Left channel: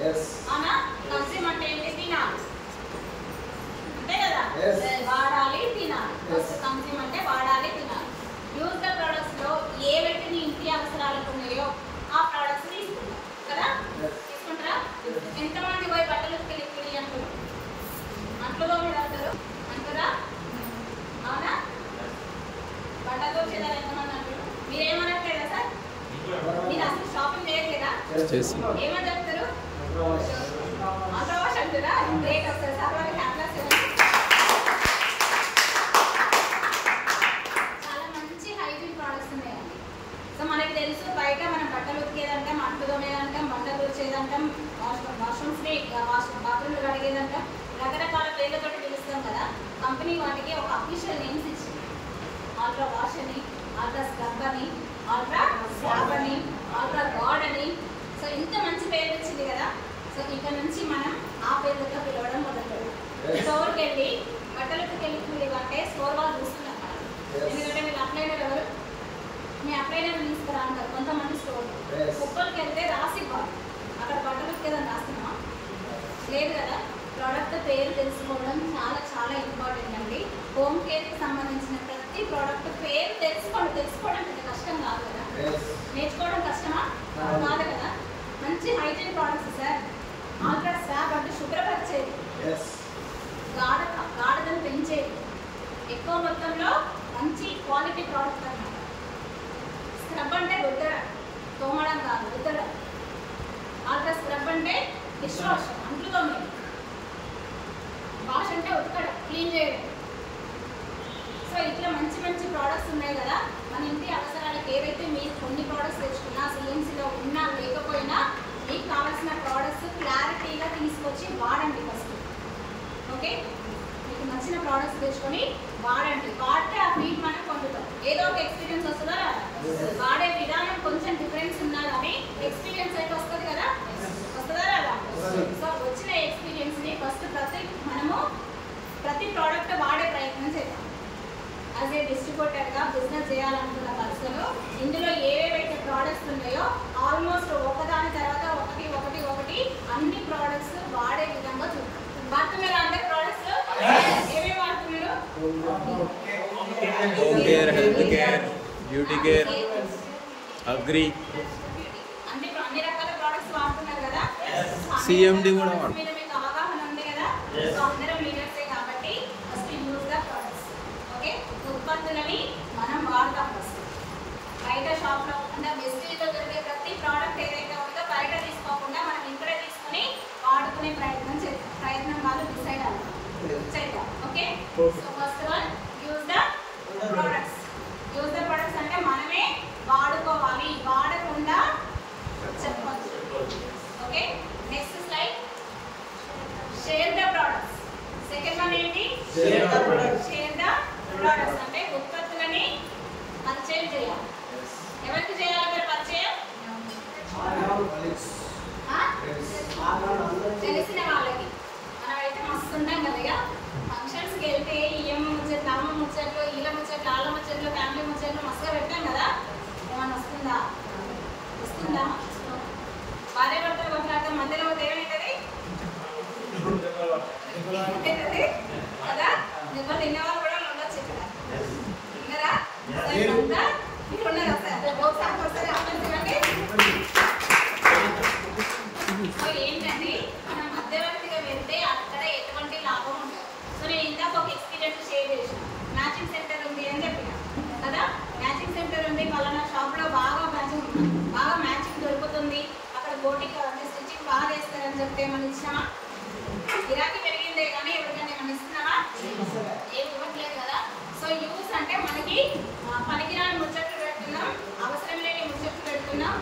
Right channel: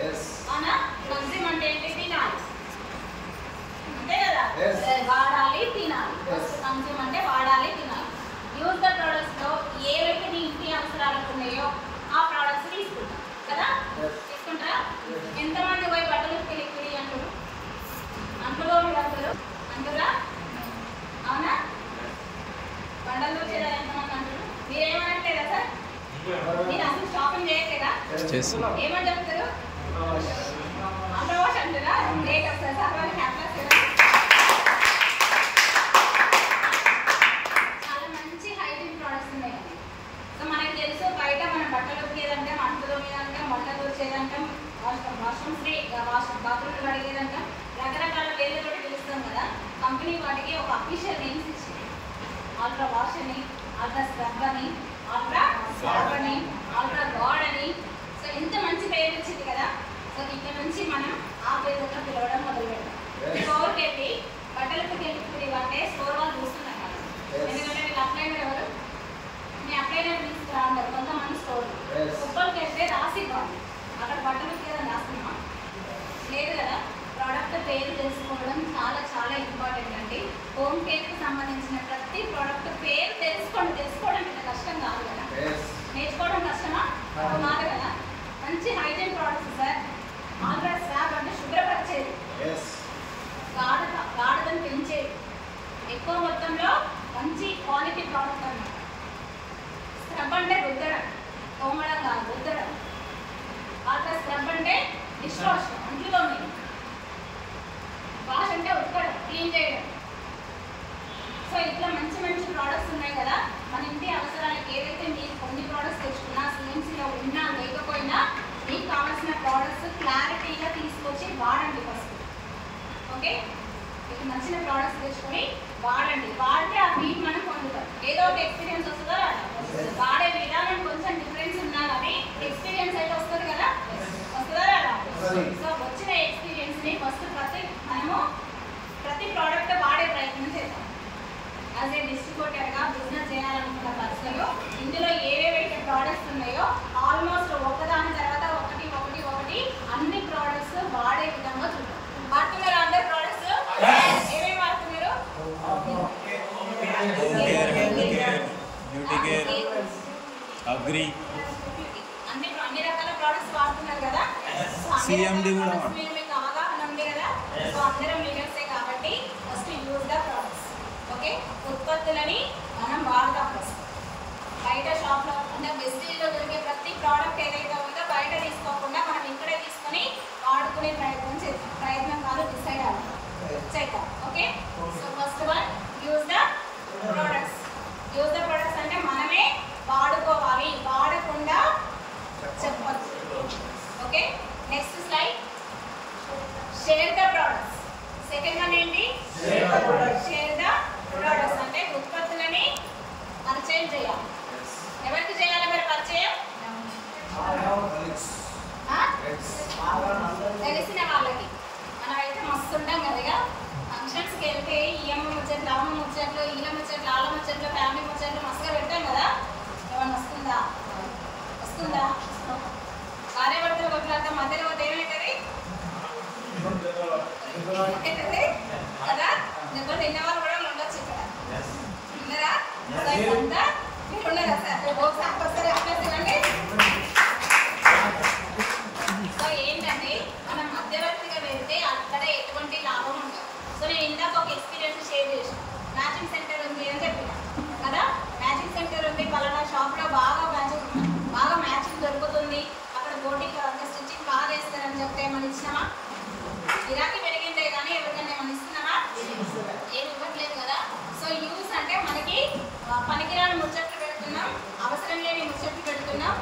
అవునా? కన్జ్యూమ్ అంటే ఏంటి? తినాలి, అంతే కదా? వాడాలి, తినాలి. కన్జ్యూమ్ అంటే వాడాలి, తినాలి. యూజ్ ద ప్రొడక్ట్స్ లో ఏవైతే మీ ఇంటి అవసరాలకు ఉన్నాయో ఆ ప్రొడక్ట్స్ తీసుకుంటాం కదా. తీసుకుంటారా? ఎంతమంది పోయి బట్టలు ఉతికి అంటారు? అంట్లో మీరు అంటారు అంటారా? అవునా? బట్టలు వచ్చేదా ఎంతమంది అంటారు? మీరేమనట్లేదా సార్? మీరు అసలు షాపింగ్ చేయట్లేదా? ఏమని చెప్తారు? అంతవాష్ అంటారా? గ్రేట్ వస్తారు సార్. వాళ్ళు హ్యాపీనెస్ చాలా మంచి హైజీన్ ప్రోడక్ట్స్ ఉన్నాయండి. సో మనకి తెలుసు బయట మనం బట్టలు ఉతికేదంటాం, అంట్లు తోమేదంటాం, బట్టలు వచ్చేదంటాం, వాష్రూమ్స్ బాత్రూమ్లు కడిగేదంటాం, రకరకాల పేర్లతోటి పిలుస్తాం కదా. కంపెనీ వాటికి ఒక అఫీషియల్ నేమ్స్ ఇచ్చింది. అల్ట్రా వాష్ అని, అల్ట్రా స్క్రబ్ అని, అల్ట్రా స్క్రబ్ అని, అల్ట్రా గాడ్ అని. సో ఇంత మంచి పేరు వచ్చింది కదా. సో ఇక్కడ నుంచి మనం ఆ పేరుతో పిలవడం మొదలుపెట్టాం. స్టోర్కి వెళ్ళి బట్టలకు వెళ్ళి అంటే స్టోర్ వాళ్ళు చూస్తున్నాం మనం. ఎందుకంటే వీళ్ళు అప్లైనర్ ఎవరు? మీ అప్లైనర్ తీసుకురా అంటారు కొంతమంది స్టోర్. కుప్పలకి వెళ్తే రాసి ఇవ్వాలి. అక్కడ బట్టలు ఉతికేదని రాస్తున్నామా? లేదు కదా. ప్రోడక్ట్ పేరు తెలుసుకోవడం చాలా చాలా ఇంపార్టెంట్ అండి. హోమ్ కేర్కి సంబంధించిన ప్రతి ప్రోడక్ట్ పేరు తెలుసుకోవడం ఇంత కష్టం కాదు కదా. నేర్చుకోవడం కష్టమా? కాదు కదా. మంచి hygiene products sir. Ultra swab అంటే శుభ్రపరిచేది, గాఢతను పెంచేది, ఎక్కువ మొత్తంలో మంచి క్వాలిటీ ప్రోడక్ట్ అన్నమాట. స్క్రబ్ అంటే రుద్దడం, తోమడం కాదు, రుద్దడం. ఆల్ట్రా స్క్రబ్ అంటే డిష్ వాష్, అంట్లు తోమేది. వాష్ అంటే ఉతకడం, క్లీన్ చేయడం. సో ఇట్లా మంచి మంచి ప్రోడక్ట్స్ ఉన్నాయి కదా. మన ఇంటి అవసరాలకు ఏదైతే మీరు కొన్ని ప్రోడక్ట్స్ తెచ్చుకున్నా, సిఎంసీలో ఉన్నా లేకపోయినా మీకు కావాల్సిన ప్రోడక్ట్స్ క్లారిటీగా తీసుకొచ్చి వాడండి ఫస్ట్. ఓకే, మీకు నచ్చిన ప్రోడక్ట్స్ తెచ్చుకొని వాడండి. వాడితే ఆ ఫీడ్ మనం పొందుతాం. ఏదో ఒక ఎక్స్పీరియన్స్ వస్తుందా రాదా? వాడే విధానం కొంచెం డిఫరెన్స్ ఉన్నా కానీ ఎక్స్పీరియన్స్ అయితే వస్తుంది కదా. వస్తుందా రాదా? సో వచ్చిన ఎక్స్పీరియన్స్ని ఫస్ట్ మనము ప్రతి ప్రోడక్ట్ వాడే ప్రయత్నం చేద్దాం. యాజ్ ఏ డిస్ట్రిబ్యూటర్గా బిజినెస్ చేయాలనుకున్న పర్సన్లో ఇందులో ఏవేవైతే ప్రోడక్ట్స్ ఉన్నాయో ఆల్మోస్ట్ ఒకదాని తర్వాత ఒకటి ఒకటి ఒకటి అన్ని ప్రోడక్ట్స్ వాడే విధంగా చూద్దాం. వాడుతున్నారు అందరు ప్రోడక్ట్స్? ఏమేమి వాడుతున్నారు? Home care, health care, beauty care, agri, అన్ని రకాల ప్రోడక్ట్స్ వాడుతున్నారు కదా. సిఎండి కూడా వాడు. మీకు అవగాహన ఉంది కదా. సో అందరం లీడర్సే కాబట్టి first use the products. Okay, ఉత్పత్తులని మనం వాడతాం ఫస్ట్. బయట షాప్లో అంటే బెస్టీలో దొరికే ప్రతి ప్రోడక్ట్ ఏదైతే ఉందో బయట తీసుకోకుండా మనం ఇక్కడే తీసుకొని వాడుకునే ప్రయత్నం చేద్దాం. ప్రయత్నం కాదు, డిసైడ్ అవుతాం చేద్దాం. Okay, so first one use the products. Use the products అంటే మనమే వాడుకోవాలి, వాడకుండా చెప్పచ్చు. Okay, next slide. Share the products. Second one ఏంటి? షేర్ ద ప్రొడక్ట్స్ అంటే ఉత్పత్తులని పరిచయం చేయాలి. ఎవరికి చేయాలి మరి పరిచయం? తెలిసిన వాళ్ళకి. మనం అయితే మస్తు ఉంటాం కదా. ఫంక్షన్స్కి వెళ్తే ఈఎం ముచ్చట్లు, అమ్మ ముచ్చట్లు, ఈల ముచ్చట్లు, ఆళ్ళ ముచ్చట్లు, ఫ్యామిలీ ముచ్చట్లు మస్తుగా పెట్టాం కదా. ఏమన్నా వస్తుందా? భార్య భర్తలు కొట్లాడితే మధ్యలో ఏమవుతుంది కదా. దెబ్బలు తినేవాళ్ళు కూడా ఉండొచ్చు ఇక్కడ. ఉన్నారా? మీరు ఉన్నారా సార్? ఒకసారి అక్కడ తినండి. సో ఏంటంటే మనం మధ్యవర్తిగా వెళ్తే అక్కడ ఎటువంటి లాభం ఉండదు. సో నేను ఇందాక ఒక ఎక్స్పీరియన్స్ షేర్ చేసాను. మ్యాచింగ్ సెంటర్ ఉంది అని చెప్పిన కదా. మ్యాచింగ్ సెంటర్ ఉంది, పలానా షాప్లో బాగా మ్యాచింగ్ దొరుకుతుంది, అక్కడ గోటికి స్టిచ్చింగ్ బాగా చేస్తారని చెప్తే ఏమన్నా ఇచ్చినామా? గిరాకీ పెరిగిందే కానీ ఎవరికైనా ఏమన్నా ఇస్తున్నామా? ఏది ఇవ్వట్లేదు కదా. సో యూస్ అంటే మనకి పనికిరాని ముచ్చట్లు పెడుతున్నాం, అవసరం లేని ముచ్చట్లు పెడుతున్నాం,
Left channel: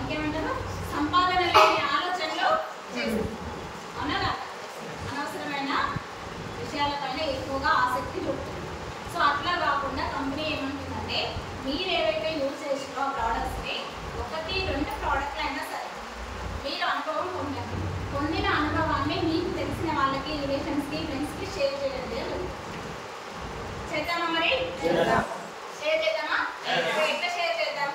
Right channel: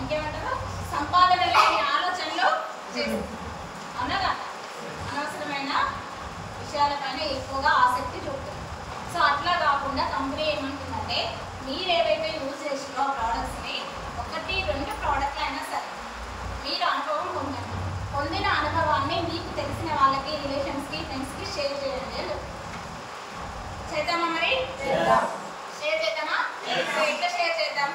ఇంకేమంటారు సంపాదన లేని ఆలోచనలు చేస్తున్నాం. అవునా కదా? అనవసరమైన విషయాలపైన ఎక్కువగా ఆసక్తి చూపుతున్నాం. సో అట్లా కాకుండా కంపెనీ ఏమంటుందంటే మీరు ఏవైతే యూజ్ చేసినో ఆ ప్రోడక్ట్స్ని 1-2 ప్రోడక్ట్లు అయినా సరే మీరు అనుభవం పొందండి. పొందిన అనుభవాన్ని మీకు తెలిసిన వాళ్ళకి, రిలేషన్స్కి, ఫ్రెండ్స్కి షేర్ చేయండి. చేద్దామా మరి? షేర్ చేద్దామా? ఎట్లా షేర్ చేద్దాం?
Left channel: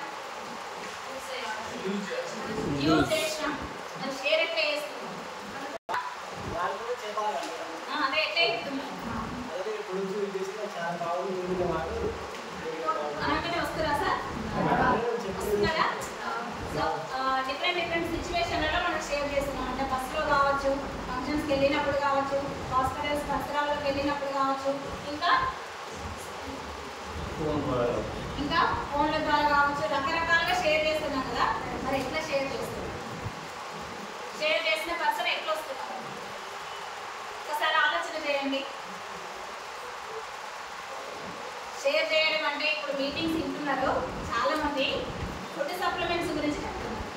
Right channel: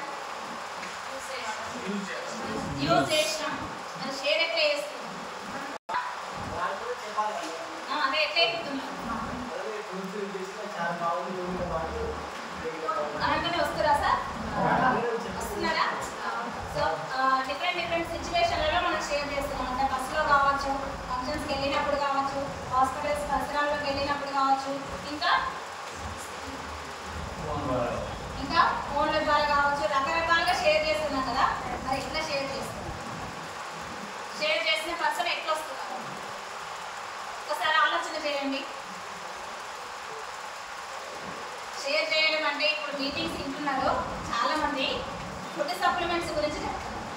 యూజ్ చేసినాం మరి షేర్ ఎట్లా చేస్తాం? అయితే అనగానే వస్తారా సార్? వస్తున్నారా? సో డిఫరెంట్ సిచ్యువేషన్లలో మనం షేర్ చేస్తున్నాం. అంటే బస్సులో కావచ్చు, ఫంక్షన్స్కి వెళ్ళినప్పుడు కావచ్చు, హాస్పిటల్స్ పరిసరాల్లోకి వెళ్ళినప్పుడు కావచ్చు, ఇంకా ఫోన్ల ద్వారా కావచ్చు, రకరకాలుగా షేర్ చేస్తున్నాం కదా. మరి ఎట్లా షేర్ చేస్తున్నాం? షేర్ చేసిన పర్సన్ ఎట్లా వస్తున్నారు? ఒకసారి ఆలోచన చేయండి. షేర్ చేయడం అంటే ఇప్పుడు మీటింగ్స్ వింటున్నారు చాలా మంది, ఫుడ్ సప్లిమెంట్స్ గురించి చెప్తున్నారు.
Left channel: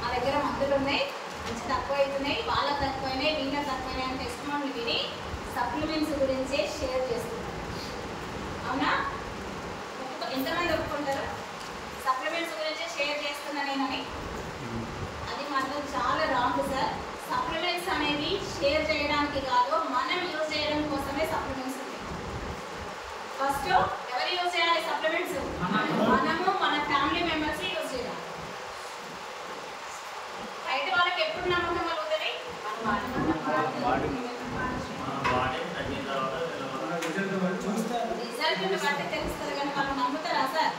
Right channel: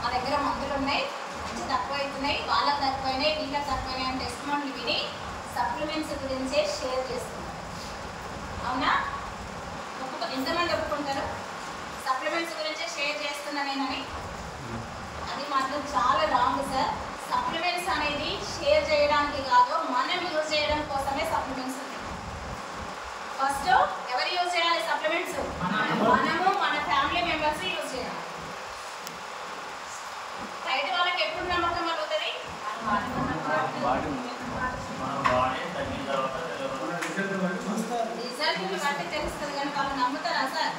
మా దగ్గర మందులు ఉన్నాయి, మంచి తక్కువ అవుతున్నాయి, వాళ్ళకి తక్కువైనాయి, వీళ్ళకి తక్కువైనాయి అని టెస్టిమోనీలు విని సప్లిమెంట్స్ గురించే షేర్ చేస్తున్నారు. అవునా? ఎంతమంది ఒప్పుకుంటారు సప్లిమెంట్స్ గురించే షేర్ చేస్తున్నా నేనని? అది మాత్రం చాలా రాంగ్ సార్. సప్లిమెంట్స్ అనేది షేర్ చేయడానికి కాదు, మనం యూజ్ చేయడం కోసమే సప్లిమెంట్స్ ఉన్నాయి. ఫస్ట్ ఎవరు యూజ్ చేయాలి సప్లిమెంట్స్? మనము, మన ఫ్యామిలీ మెంబర్స్ యూజ్ చేయాలి. బయట వాళ్ళకి ఎప్పుడు నమ్మకం కలుగుతుంది? రిజల్ట్ బట్టి తెలుస్తుంది, కానీ వాళ్ళు నమ్ముతారా సార్?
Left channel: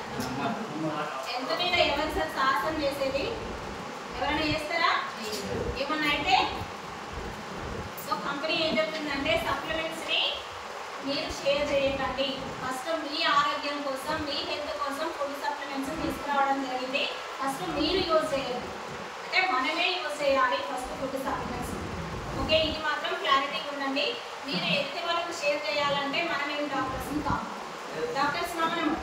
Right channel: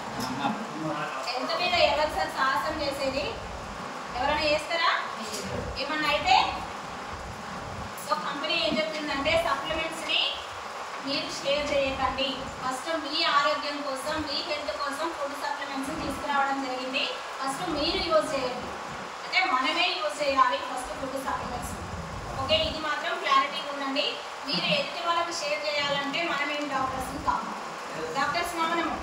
ఎంత మీద ఎవరు సార్ సాహసం చేసేది? ఎవరైనా చేస్తారా? ఏమన్నా అయితే సో కంపెనీ ఏం చెప్తుందంటే సప్లిమెంట్స్ని మీరు షేర్ చేయకండి. ఫస్ట్ మీ ఆరోగ్యం కోసం, మీ హెల్త్ కోసం ఫుడ్ సప్లిమెంట్స్ తీసుకురావడం జరిగింది. ఫస్ట్ మీరు యూజ్ చేయాలి, అంటే మనమే యూజ్ చేయాలి ఫస్ట్ ఫుడ్ సప్లిమెంట్స్. ఓకే, ఇది మాత్రం క్లారిటీ ఉందండి. మీరు ఎదుటి వాళ్ళకి షేర్ చేయాలంటే మనం ఏం డాక్టర్స్ని కాదు. డాక్టర్స్ మనము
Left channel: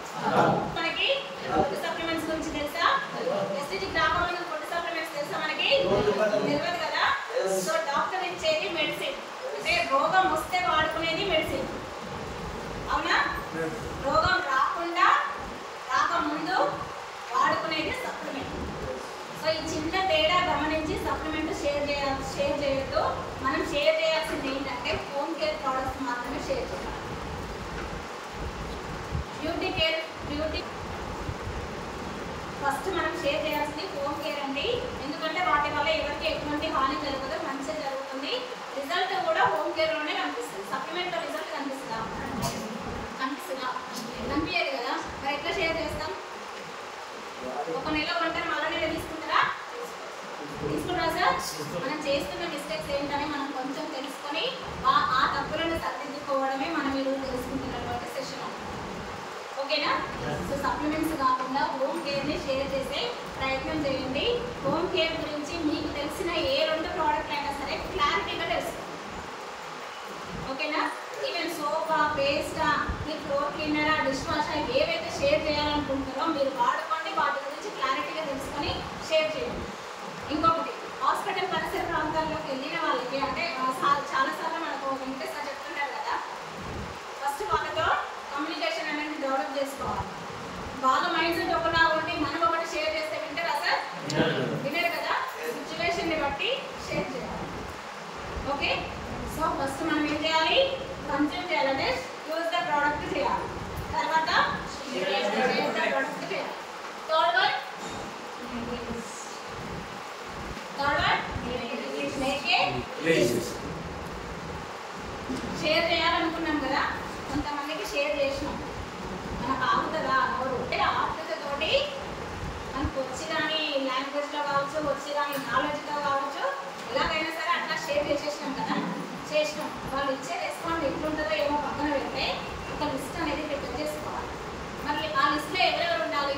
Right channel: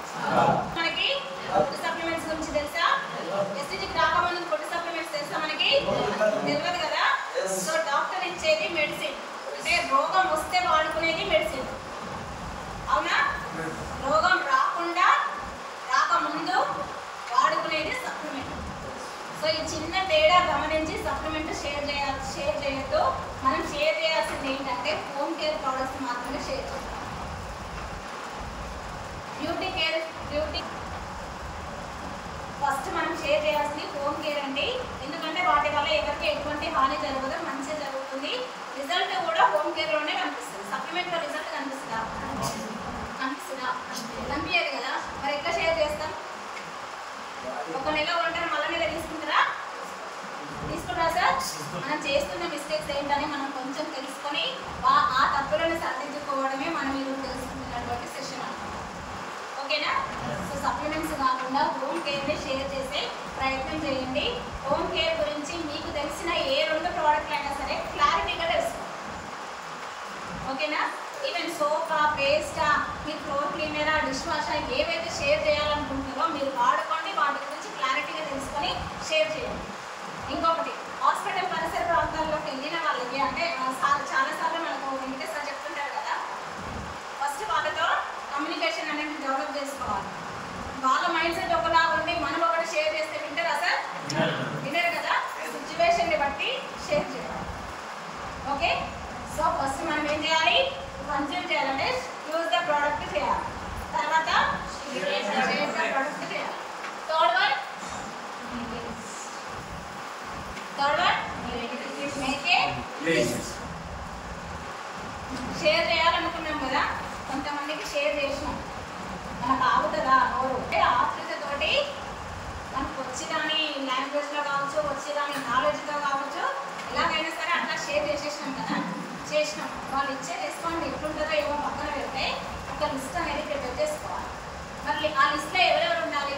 మనకి ఫుడ్ సప్లిమెంట్స్ గురించి తెలుసా? ఎస్టీజీకి రాకముందు ఫుడ్ సప్లిమెంట్స్ తెలుసా మనకి? తెలియదు కదా. సో డాక్టర్ ఇచ్చేది మెడిసిన్, అంటే రోగం వస్తే వాడుకునేది మెడిసిన్. అవునా? రోగం రాకముందు వాడుకునేది సప్లిమెంట్. సో ఈ చిన్న తేడా గమనించి సప్లిమెంట్ షేర్ చేయొద్దు. మనం షేర్ చేయాల్సింది ఏంటంటే హోమ్ కేర్ ప్రోడక్ట్స్ మాత్రమే షేర్ చేయాలి. బ్యూటీ ఫస్ట్ మనం షేర్ చేయాల్సింది హోమ్ కేర్ అండి. ఎందుకంటే వాటి వల్ల ఎవరికి ఎటువంటి హాని జరగదు, మంచిగా జరుగుతుంది. రిజల్ట్ కూడా హోమ్ కేర్లోనే కనిపిస్తుంది. సప్లిమెంట్లో రిజల్ట్ కనిపిస్తుందా? కనిపించదు కదా. మరి ఎట్లా షేర్ చేస్తాం? ఒక నెల ఉంటారు, మళ్ళీ నెల తీసుకుంటారా సార్? మనం చేస్తున్న మిస్టేక్స్ ఏంటని మనం కొంచెం తెలుసుకొని ఆ తప్పులను సరిదిద్దుకోవడమే మనం ఈరోజు తెలుసుకుంటున్నటువంటి సెషన్ అన్నమాట. ఓకేనా? సో సప్లిమెంట్స్ కాకుండా హోమ్ కేర్ని షేర్ చేసే ప్రయత్నం చేయండి. హోమ్ కేర్ గురించి మీకు తెలిసిన ఏ 2 ప్రోడక్ట్లు అయినా సరే క్లారిటీగా తెలుసుకోండి. ఓకేనా? ఈవెన్ సోపా, పేస్టా, మీ ఫ్లోర్ క్లీనరా, డిష్ వాషా ఏవైతే షేర్ చేయాలనుకుంటున్నారో మీరు వాడుకోండి. వాటి గురించి క్లారిటీగా తెలుసుకొని షేర్ చేయండి. ఇంకొకటి, హాస్పిటల్ పరిసర ప్రాంతాల్లోకి వెళ్ళిన వాళ్ళకి అంటే చాలాసార్లు మనకు వెంకటేశ్వర సార్ చెప్తుంటారు కదా, ఫస్ట్ వాళ్ళతో కమ్యూనికేషన్ అనేది డెవలప్ చేసుకోవాలి. వాళ్ళ మైండ్ సెట్ ఒకలా ఉండి మనం ఒకటి షేర్ చేస్తే వింటారా సార్? వినరు కదా. సిచ్యువేషన్ని బట్టి షేర్ చేయాలి. ఓకే, సో ఫస్ట్ మనం ఏం చేయాలి? కన్జ్యూమ్ చేయాలంటే యూజ్ ద ప్రోడక్ట్ చేయాలి. తర్వాత షేర్ ద ప్రోడక్ట్ చేయాలి. Third one make a list. Share చేయాలనుకున్నాం కదా, కొంతమందికి షేర్ చేసినాం, మనకు ఆగుతుందా నోరు? అంటే ఆతృతతోటి మనకు వచ్చిదాని లాంగ్వేజ్లో కావచ్చు, వచ్చిదాని నాలెడ్జ్గా కావచ్చు, ఎలాగైనా సరే అట్లా షేర్ చేసేసినాం కదా. చేసినాం, వాళ్ళు ఇచ్చే రెస్పాండ్ ఎట్లుంటుందో ఏమో పక్కన పెడితే ఒక లిస్ట్ అనేది ప్రిపేర్ చేసుకోవాలి. మరి ఆ లిస్ట్లో ఎవరెవరు ఉండాలి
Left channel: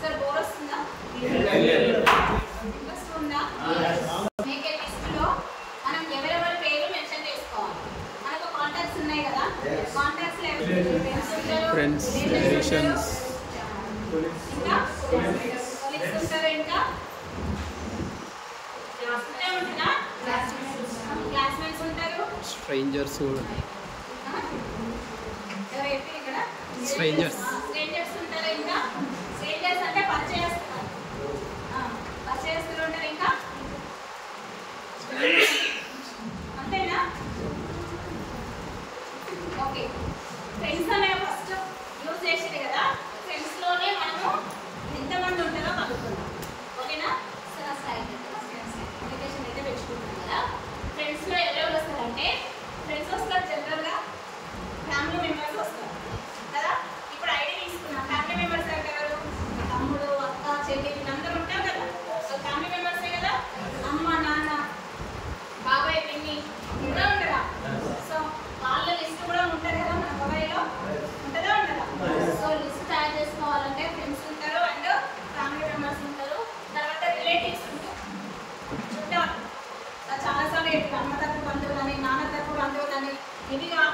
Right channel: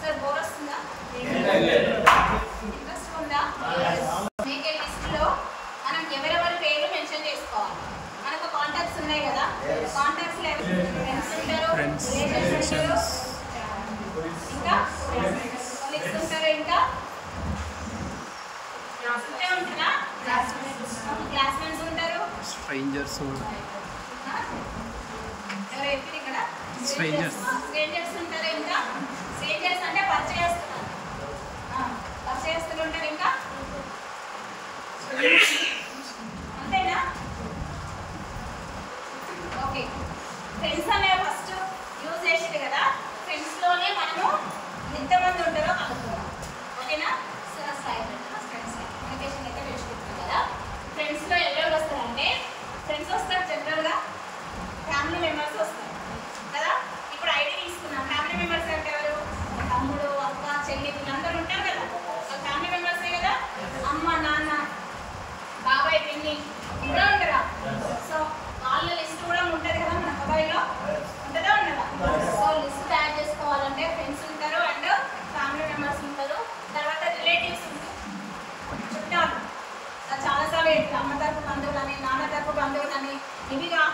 సార్? బోర్ వస్తుందా? ఇంట్రెస్ట్ ఉందా? మేక్ ఏ లిస్ట్లో మనం ఎవరెవరి పేర్లు మెన్షన్ చేసుకోవాలి. మనకు కాంటాక్ట్స్ ఉన్నాయి కదా, కాంటాక్ట్స్ ఫ్రెండ్స్, రిలేషన్స్, ఇంకా కొలీగ్స్ ఉంటారు, ఇంకా ఉంటుందా? క్లాస్మేట్స్ ఉంటారు, స్ట్రేంజర్స్ ఎవరు ఇక్కడ స్ట్రేంజర్స్ ఉంటారు. ఇంకా స్ట్రేంజర్స్ అంటే పరిచయస్తులు ఉంటారు. ఇంకా అంతేనా? ఓకే, ఫ్రెండ్స్ అనే ఫస్ట్ యూజ్ చేసేది కదా. ఫ్రెండ్స్లోనే మనము ఎంతమంది ఉంటారో కలుగుతున్నాం. ఓకేనా సార్? ఫ్రెండ్స్ కమ్యూనికేషన్ అయితే పెంచుకుంటున్నాం కదా. ఫ్రెండ్స్లో ఎవరెవరు వస్తారంటే, ఫ్రెండ్స్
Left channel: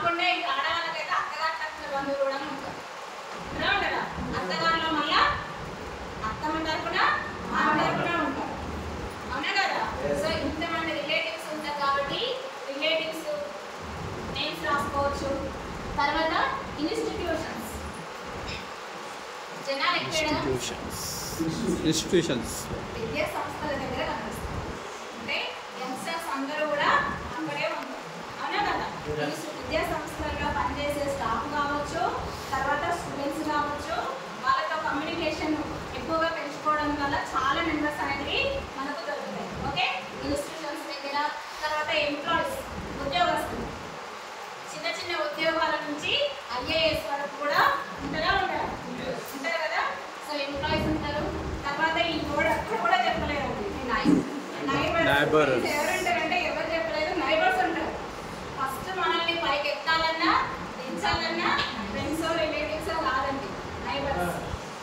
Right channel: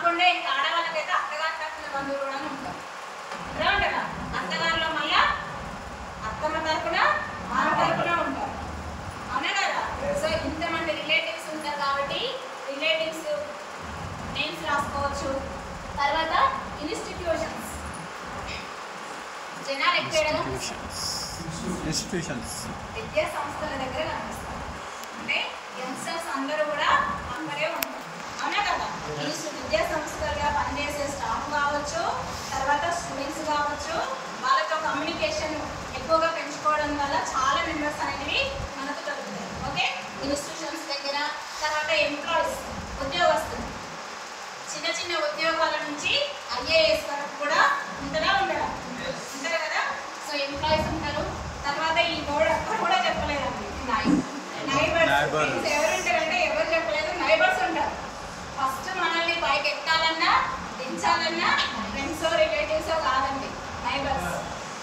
కాకుండా ఇంకా ఆడవాళ్ళకైతే అత్తగారు తరపున బంధువులు కూడా ఉంటారు. ఉంటారా? అత్తగారిలో మళ్ళా అత్తమ్మ తరపున మామ తరపున ఉంటారు. అవునా కదా? సో ఇంతమంది రిలేటివ్స్ ఉంటారు కాబట్టి రిలేటివ్స్ నేమ్స్ రాసుకోవచ్చు. తర్వాత ఇన్స్టిట్యూషన్స్, జనాలు ఎక్కువ ఇన్స్టిట్యూషన్స్ విద్యా సంస్థల దగ్గర కనిపిస్తారు. అంటే యంగ్స్టర్స్ అందరూ కూడా అక్కడే ఉంటారు. అవునా కదా? విద్యా సంస్థలుగా పనిచేసే స్టాఫ్ కావచ్చు, తర్వాత స్టూడెంట్స్ కావచ్చు, వాళ్ళతో కమ్యూనికేషన్ ఎక్కువగా పెంచుకోవడం వల్ల చాలా మెంబర్స్ అనేవి మనకు దొరుకుతాయి. ఓకే, ఇన్స్టిట్యూషన్స్ దగ్గర. తర్వాత ఎంప్లాయీస్, ఉద్యోగస్తులు, చిన్న చిన్న ఉద్యోగాల నుంచి ఐఏఎస్ వరకు కూడా ఉంటారు కదా. సో ఎంప్లాయీస్ ఉంటారు. తర్వాత ఈ నోడ్ అప్పుడు కూడా చెప్పలేదండి, నైబర్స్ ఎవరుంటారంటే ఎవరు చెప్పలేదు, నైబర్స్ ఉంటారు. ఫస్ట్ మనల్ని పైకి ఎక్కాలన్నా దించాలన్నా ఫ్రెండ్స్ రిలేటివ్స్ కాదండి, నైబర్స్.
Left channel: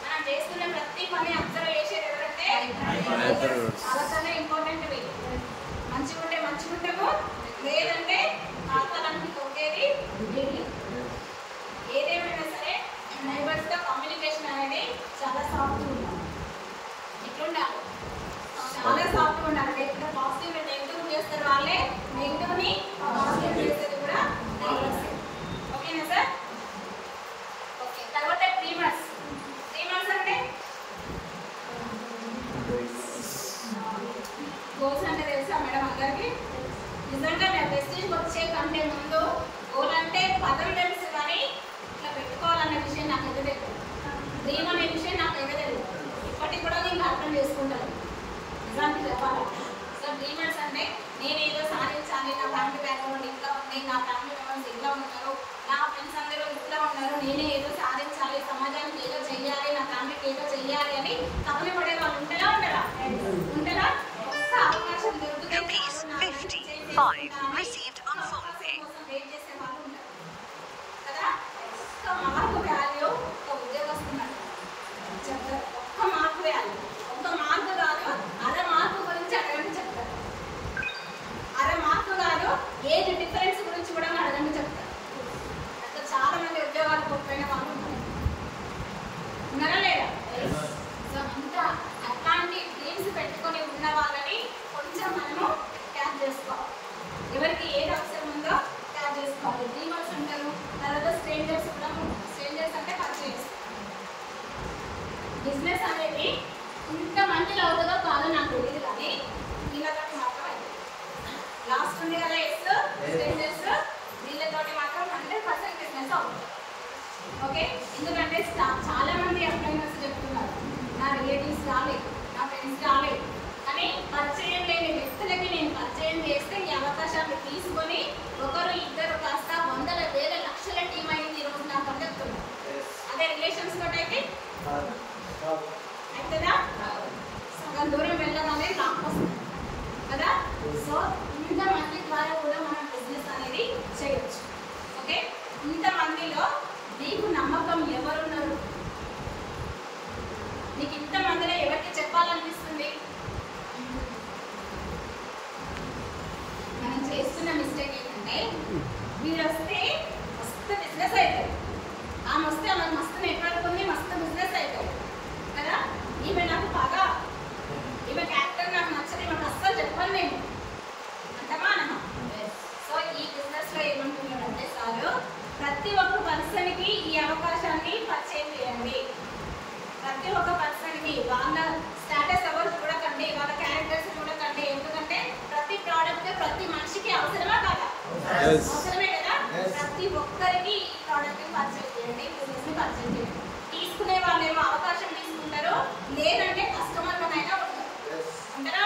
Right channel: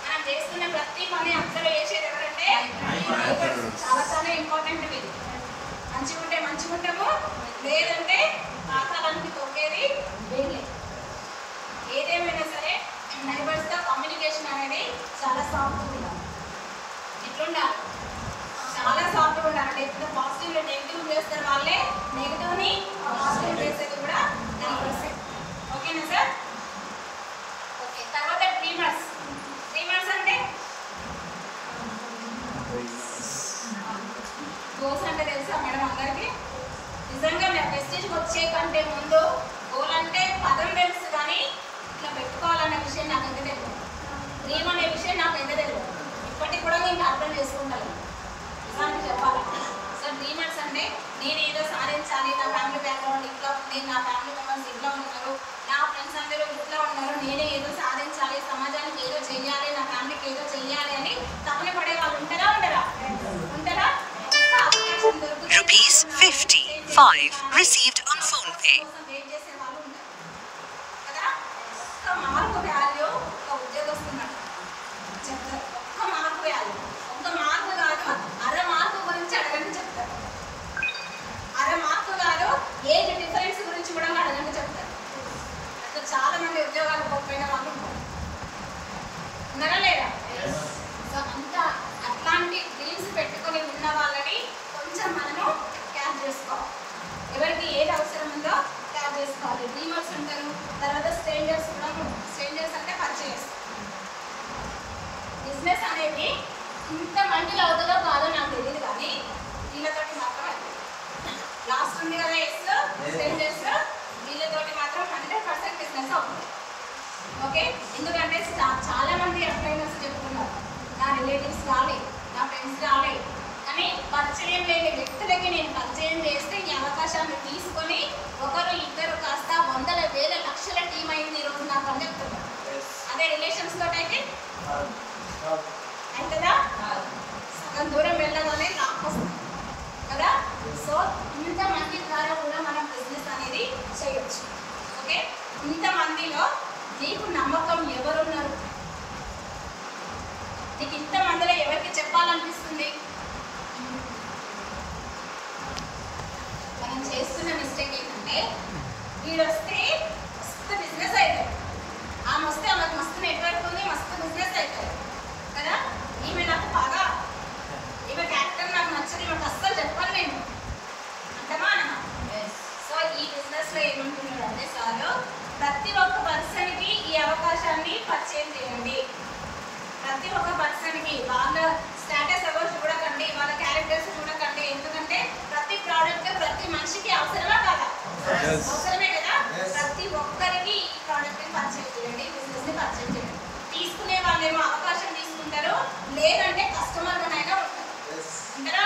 మనం చేస్తున్న ప్రతి పని అబ్జర్వ్ చేసేది ఎవరంటే చాలా చాలా ఇంపార్టెంట్. మంచిగా ఉంటే మంచిగా ఉంటాము, లేదంటే పాతాళానికి తొక్కేది వీళ్ళే. ఏదేమైనా సరే నైబర్స్తో కమ్యూనికేషన్ అనేది చాలా సాఫ్ట్గా ఉండాలి. ఎట్లుండాలి? చాలా సాఫ్ట్గా ఉండాలి. అంటే ఇప్పుడు పాజిటివ్ నెగిటివ్ చేస్తారు వాళ్ళే, నెగిటివ్ని పాజిటివ్ చేసేది కూడా నైబర్స్. ఓకేనా సార్? ఓకే. తర్వాత డ్రీమర్స్. డ్రీమర్స్ అంటే గోల్స్ అంటే తెలుసా మేడం అందరికీ? నిజంగా మేము ప్రెస్టీజ్కి వచ్చే కంటే ముందు గోల్ అంటే పదం తెలుసు, కానీ ఇట్లా పెట్టుకోవాలన్న విషయం నాకైతే తెలియదు. డ్రీమ్ అనే విషయం నాకైతే తెలియదు. ఇప్పటికి కూడా నేను అర్థం చేసుకుంటాను నిజానికి చెప్పాలంటే. సో డ్రీమర్స్ అంటే నేను ఏదో సాధించాలి, నా ఫ్యామిలీ బ్యాక్గ్రౌండ్ ఇట్లా ఉంది, నా ఫ్యామిలీ మెంబర్స్ ఇట్లా ఉన్నారు, నా ఫ్రెండ్స్ అందరూ ఇట్లా ఉన్నారు, నేనే ఏదో సాధించాలి, సమాజానికి ఏదో చెయ్యాలి, నా ఫ్యామిలీకి ఏదో చెయ్యాలి అని తపన పడే వాళ్ళు ఉంటారా? ఉంటారా? Rupees 55 received on PhonePe. ఒక్క మార్కు వాల్యూ ఒక ఉద్యోగస్తున్నారు చెప్తారు. ఒక్క మార్కు వాల్యూ, ఒక్క మార్కు కాదు, అర మార్కు గురించి అడగండి చెప్తారు. అర మార్కు కాదు, ఏజ్ డిఫరెన్స్ గురించి కూడా అడగండి చెప్తారు. అసలు చాలా మంది ఉద్యోగాలు పోయిన వాళ్ళు ఉన్నారా లేదా? సో అంత అట్లాంటి డ్రీమ్స్ పెట్టుకొని ఉన్న వాళ్ళని కొంచెం మనము క్యాచ్ చేసుకోవాలి. ఎవరికి ఏది అవసరం ఉందో క్యాచ్ చేసుకోవాలి. డ్రీమర్స్ ఉంటారు. తర్వాత స్ట్రేంజర్స్ కూడా ఉంటారు. స్ట్రేంజర్స్ అంటే పరిచయం. బిజినెస్ అనేది ఇంతమందిలో అవుతుందో కాదో నాకు తెలియదు, కానీ వీళ్ళతోటి మాత్రం అవుతుంది. లాస్ట్ ఉంది కదా ఎస్ స్ట్రేంజర్స్, వీళ్ళతోటి మాత్రం 100% బిజినెస్ అవుతుంది. ఓకే, ఎందుకంటే చాలా మంది అప్లైనర్స్ చెప్తున్నారు, నా రిలేటివ్స్ రాలేదు, నా ఫ్రెండ్స్ రాలేదు, కానీ పరిచయం లేని వ్యక్తులకి నేను పరిచయం చేస్తే ఈ అవకాశాన్ని తీసుకొని ఒకరు ఇద్దరు కాస్త వందల వేల లక్షల టీం అయింది ఈరోజు నాకు అని చెప్తున్నారు. అదే రిలేషన్స్ తోటి అయితే అవుతుందా? సగం దూరం వెళ్ళగానే లాక్ వస్తుంది కదా. సో ఇంతమంది ద్వారా కూడా మనం బిజినెస్ అనేది చేయొచ్చు. ఓకే, ఇంతమందిలో నీకు నమ్మకం ఎవరున్నారు? నీకు ఇంతమందిలో ఎవరికి చెప్పాలనిపిస్తుంది? మనం చేస్తున్న మిస్టేక్ ఏంటంటే వీడు వస్తే మస్తు బిజినెస్ అవుతుంది, ఆమె వస్తే ఆమెకు మస్తు నెట్వర్క్ ఉంది, మస్తు బిజినెస్ అవుతుంది కదా. ఈమె నాకు బాగా, ఈమె క్యారెక్టర్ నాకు నచ్చదు, ఈమెకు అస్సలు చెప్పాను నేను అంటమా అనమా. సో ఈ బిజినెస్లో ఏమంటున్నారంటే సార్, ప్రతి ఒక్క పర్సన్కి ఈ అవకాశాన్ని పరిచయం చేయండి. ప్రతి ఒక్క పర్సన్కి వాళ్ళ స్టేటస్ అవర్స్ చూడకండి, వాళ్ళ క్యారెక్టర్స్ చూడకండి. ఎందుకంటే ప్రతి ప్రోడక్ట్ ప్రతి మనిషికి అవసరమా కాదా? అవసరమే కదా. ప్రతి ఒక్కరికి ఈ ప్రోడక్ట్ని పరిచయం చేయండి, బిజినెస్ని పరిచయం చేయండి. తీసుకునే వాళ్ళేమో అవకాశం తీసుకుంటారు, లేదంటే కస్టమర్ అయినా ఉంటారు. ఉంటారా?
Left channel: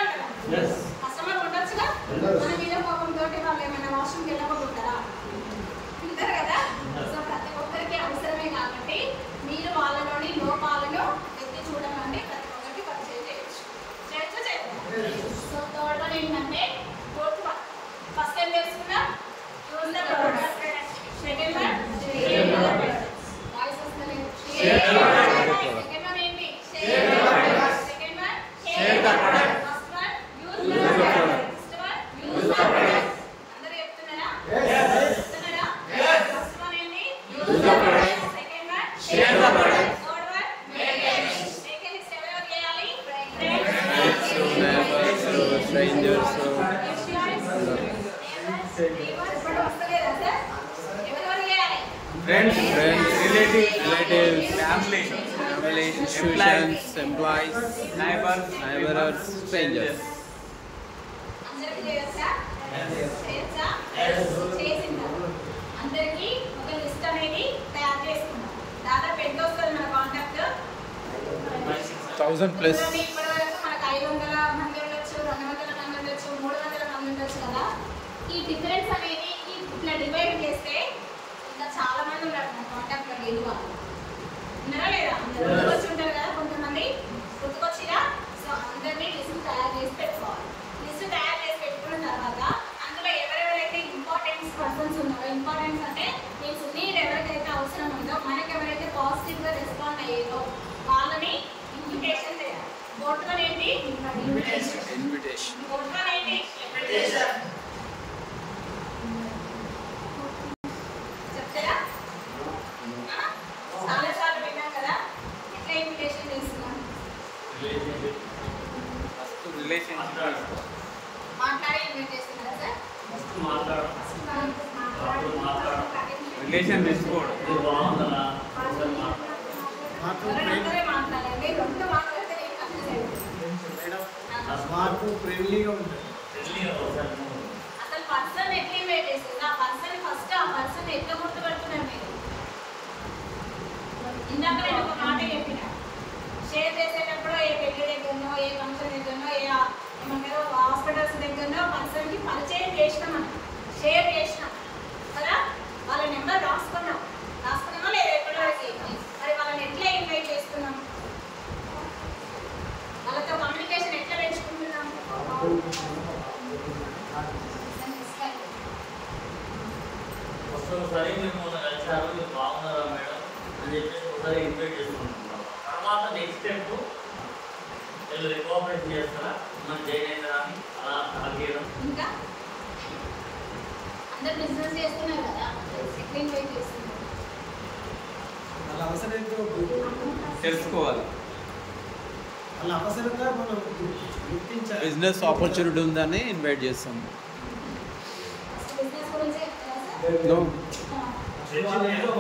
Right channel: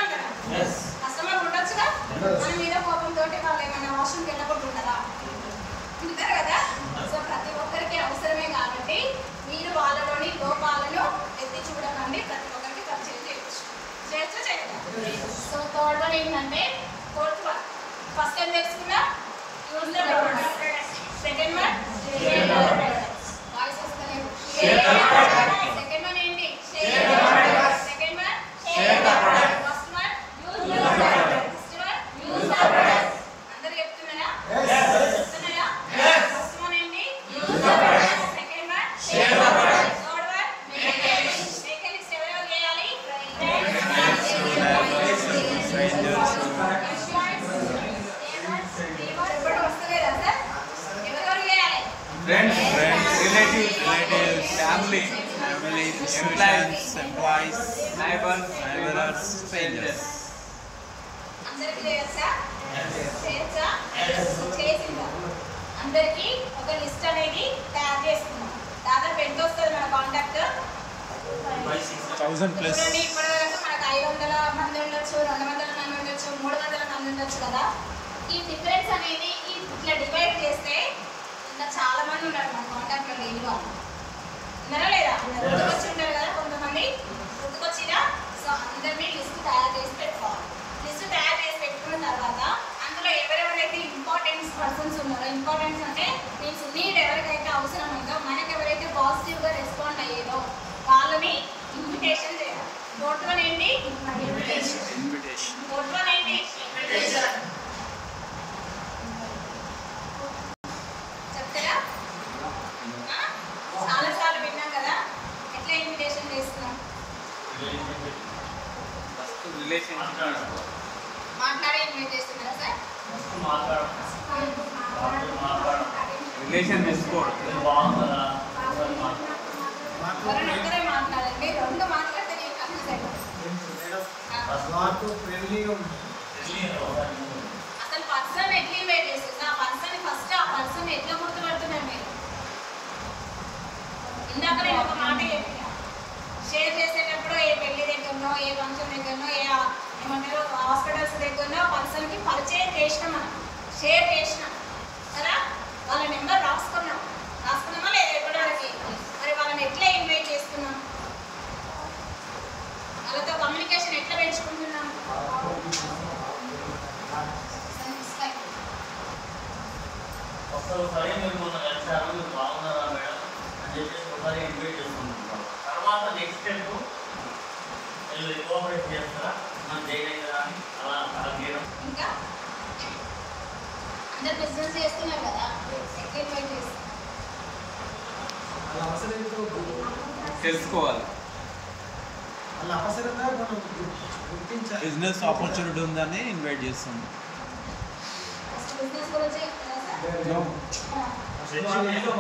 కస్టమర్ ఉండొచ్చుగా. మన మీద కోపంతో వాళ్ళు ఏమైనా వాష్రూమ్కి వెళ్ళకుండా ఉంటారా? ఉంటారు కదా. సో ప్రతి ఒక్కరికి అవసరమే కాబట్టి మీరు వాళ్ళలోని లోపాలను ఎత్తి చూడకండి, ప్రతి ఒక్కరికి పరిచయం చేయొచ్చు. సో థర్డ్ వన్ ఏంటంటే ఫోర్త్ వన్, ఫస్ట్ ఏం తెలుసుకున్నా? Use the product. use the product, Second one, share the product, third one, make list ఎవరెవరు చేయాలి? friends to neighbors to strangers to ఇప్పుడు వస్తలేదా సార్? ఎవరెవరు చేయాలి? friends, relatives, family, institutions, employees, neighbors, strangers. అందరికి చేయొచ్చా? చేయొచ్చా? చేసిందా? అందరికి ఒక లిస్ట్ అనేది తయారు చేసుకుందాం. దాదాపు ఎంత వస్తుంది మన కాంటాక్ట్? 1000 plus. చూడండి, ఇప్పుడు మనకు 500 మంది ఉండొచ్చు, 200 మంది ఉండొచ్చు, 300 మంది ఉండొచ్చు కదా. ఈ డిఫరెన్స్ అనేది ఇట్లా డివైడ్ చేస్తే ఇంకా చాలా మంది ఉన్నారు మన కాంటాక్ట్ లో డైలీ వాళ్ళు. ఉన్నారా లేదా? గుర్తుకొచ్చి ఉంటారు కదా కొంతమంది. గుర్తుకొచ్చిరా? సో అందరినీ లిస్ట్ తయారు చేసి పెట్టుకోవాలి. లిస్ట్ తయారు చేసి పెట్టుకున్న తర్వాత అందులో ఎవరెవరైతే ఇంపార్టెంట్ పర్సన్స్ ఉన్నారో, ఇంపార్టెన్స్ అంటే మీన్స్ నీడ్ ఎవరికైతే అవసరం ఉందో, మనకి ఎవరైతే పాజిటివ్గా రెస్పాండ్ అయ్యారో వాళ్ళని ఇన్విటేషన్ చేయాలి. ఫోర్త్ వన్ ఏంటి? Invitation. ఫోర్త్ వన్ ఏంటి? ఇన్విటేషన్. చెప్తారా? చాలాసార్లు విన్నాం కదా. ఎట్లా ఇన్విటేషన్ చేస్తున్నాం? మాట్లాడి ఇన్వైట్ చేస్తున్నారా సార్? రిలేషన్ మెచ్చుకోవడం ఒకరే మాట్లాడండి. రెండు మాట్లాడితే నేను కన్ఫ్యూజ్ అయిపోతాను. మాకు ఫ్రెండ్లీగా ఉంటుంది. అసలు పర్సన్ ఎట్లా ఇన్వైట్ చేస్తుంది? ఆ పర్సన్ ఫస్ట్ ఆ పర్సన్ ఎట్లా గుర్తుపడుతున్నారు మీరు? ఇందాక నేను ఒక మాట చెప్పిన, షేర్ చేసేటప్పుడు ఏ పెళ్లి దగ్గరనో, ఏ ఫంక్షన్ దగ్గరనో, ఏమంటారు హాస్పిటల్స్ దగ్గరనో పర్సన్కి పరిచయం చేసినాం, మనం షేర్ చేసినాం కదా. వాళ్ళ నెంబర్ రాసుకున్నామా లేదా ఇప్పటివరకు? మరి వాళ్ళని ఎట్లా ఇన్వైట్ చేస్తున్నాం? వాళ్ళతో కమ్యూనికేషన్ ఎట్లా పెంచుకుంటున్నాం? ఒక్కొక్కసారి మీరు మొన్న కలిసారు, మీరు బాగున్నారా మేడం అని చెప్పేసి ఒకసారి ఇన్వైట్ చేసుకుంటున్నారు. తర్వాత నెక్స్ట్ స్టెప్ వీళ్ళు రికమెండ్ చేస్తారా మనం చేయగలిగినా అని అలా అడిగడం. ఇంకా అందరు బిజినెస్ చేస్తున్నారు కదా, ఎట్లా ఇన్వైట్ చేస్తున్నారు? వాళ్ళ అవసరంతో తెలుసుకోవాలి. వాళ్ళ అవసరంగా మనం గుర్తించాలి. బిజినెస్ ఆపర్చునిటీ ఉందని ఇన్వైట్ చేస్తాం. ఫస్ట్ బిజినెస్ గురించి చెప్తారా సార్? నో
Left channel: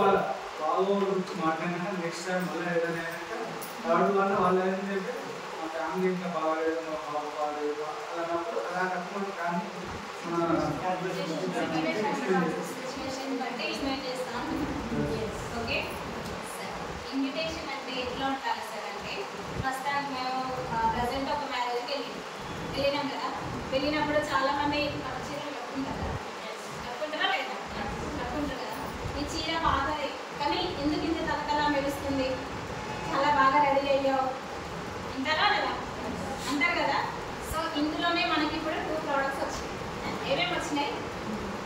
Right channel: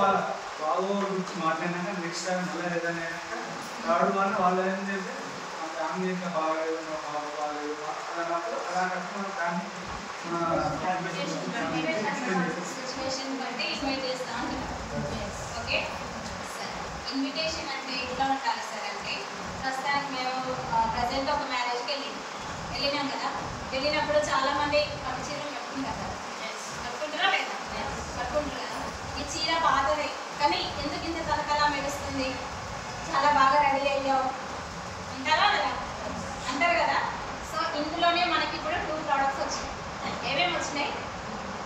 వాళ్ళ బాగో గురించి మాట్లాడినాక నెక్స్ట్ టైం మళ్ళీ ఏదైనా అయినాక థర్డ్ వన్ వాళ్ళు ఏంటంటే మా ఫ్యామిలీ ఎంత బాగాలేదు, మా బాబు బాగాలేదు అన్నప్పుడు అలాంటప్పుడు దాన్ని సిచ్యువేషన్ బట్టి ఇన్వైట్ చేస్తా అంటున్నాను. ఓకే సరే. ఇన్విటేషన్ అంటే ఎట్లా ఉండాలి సార్ అంటే, ప్రస్తుతానికి మేము ప్రజెంట్ ఒక మ్యారేజ్కి వెళ్ళినాం కదా. వెళ్ళినప్పుడు చాలా మంది పట్టు చీరలు కట్టుకుంటారు కదా. కట్టుకుంటారా లేదా? కట్టుకుంటారు కదా. ఈ చీర పాతదే కానీ ఎందుకు ఇంత తలకలా మెరుస్తుంది, చాలా బాగా రెడీ అయ్యావు అంటారా లేదా? అంటారు కదా. సో ఇందులోనే మనకి ఇప్పుడు 2 ప్రోడక్ట్స్ వచ్చినాయి. ఏమేమి వచ్చినాయి?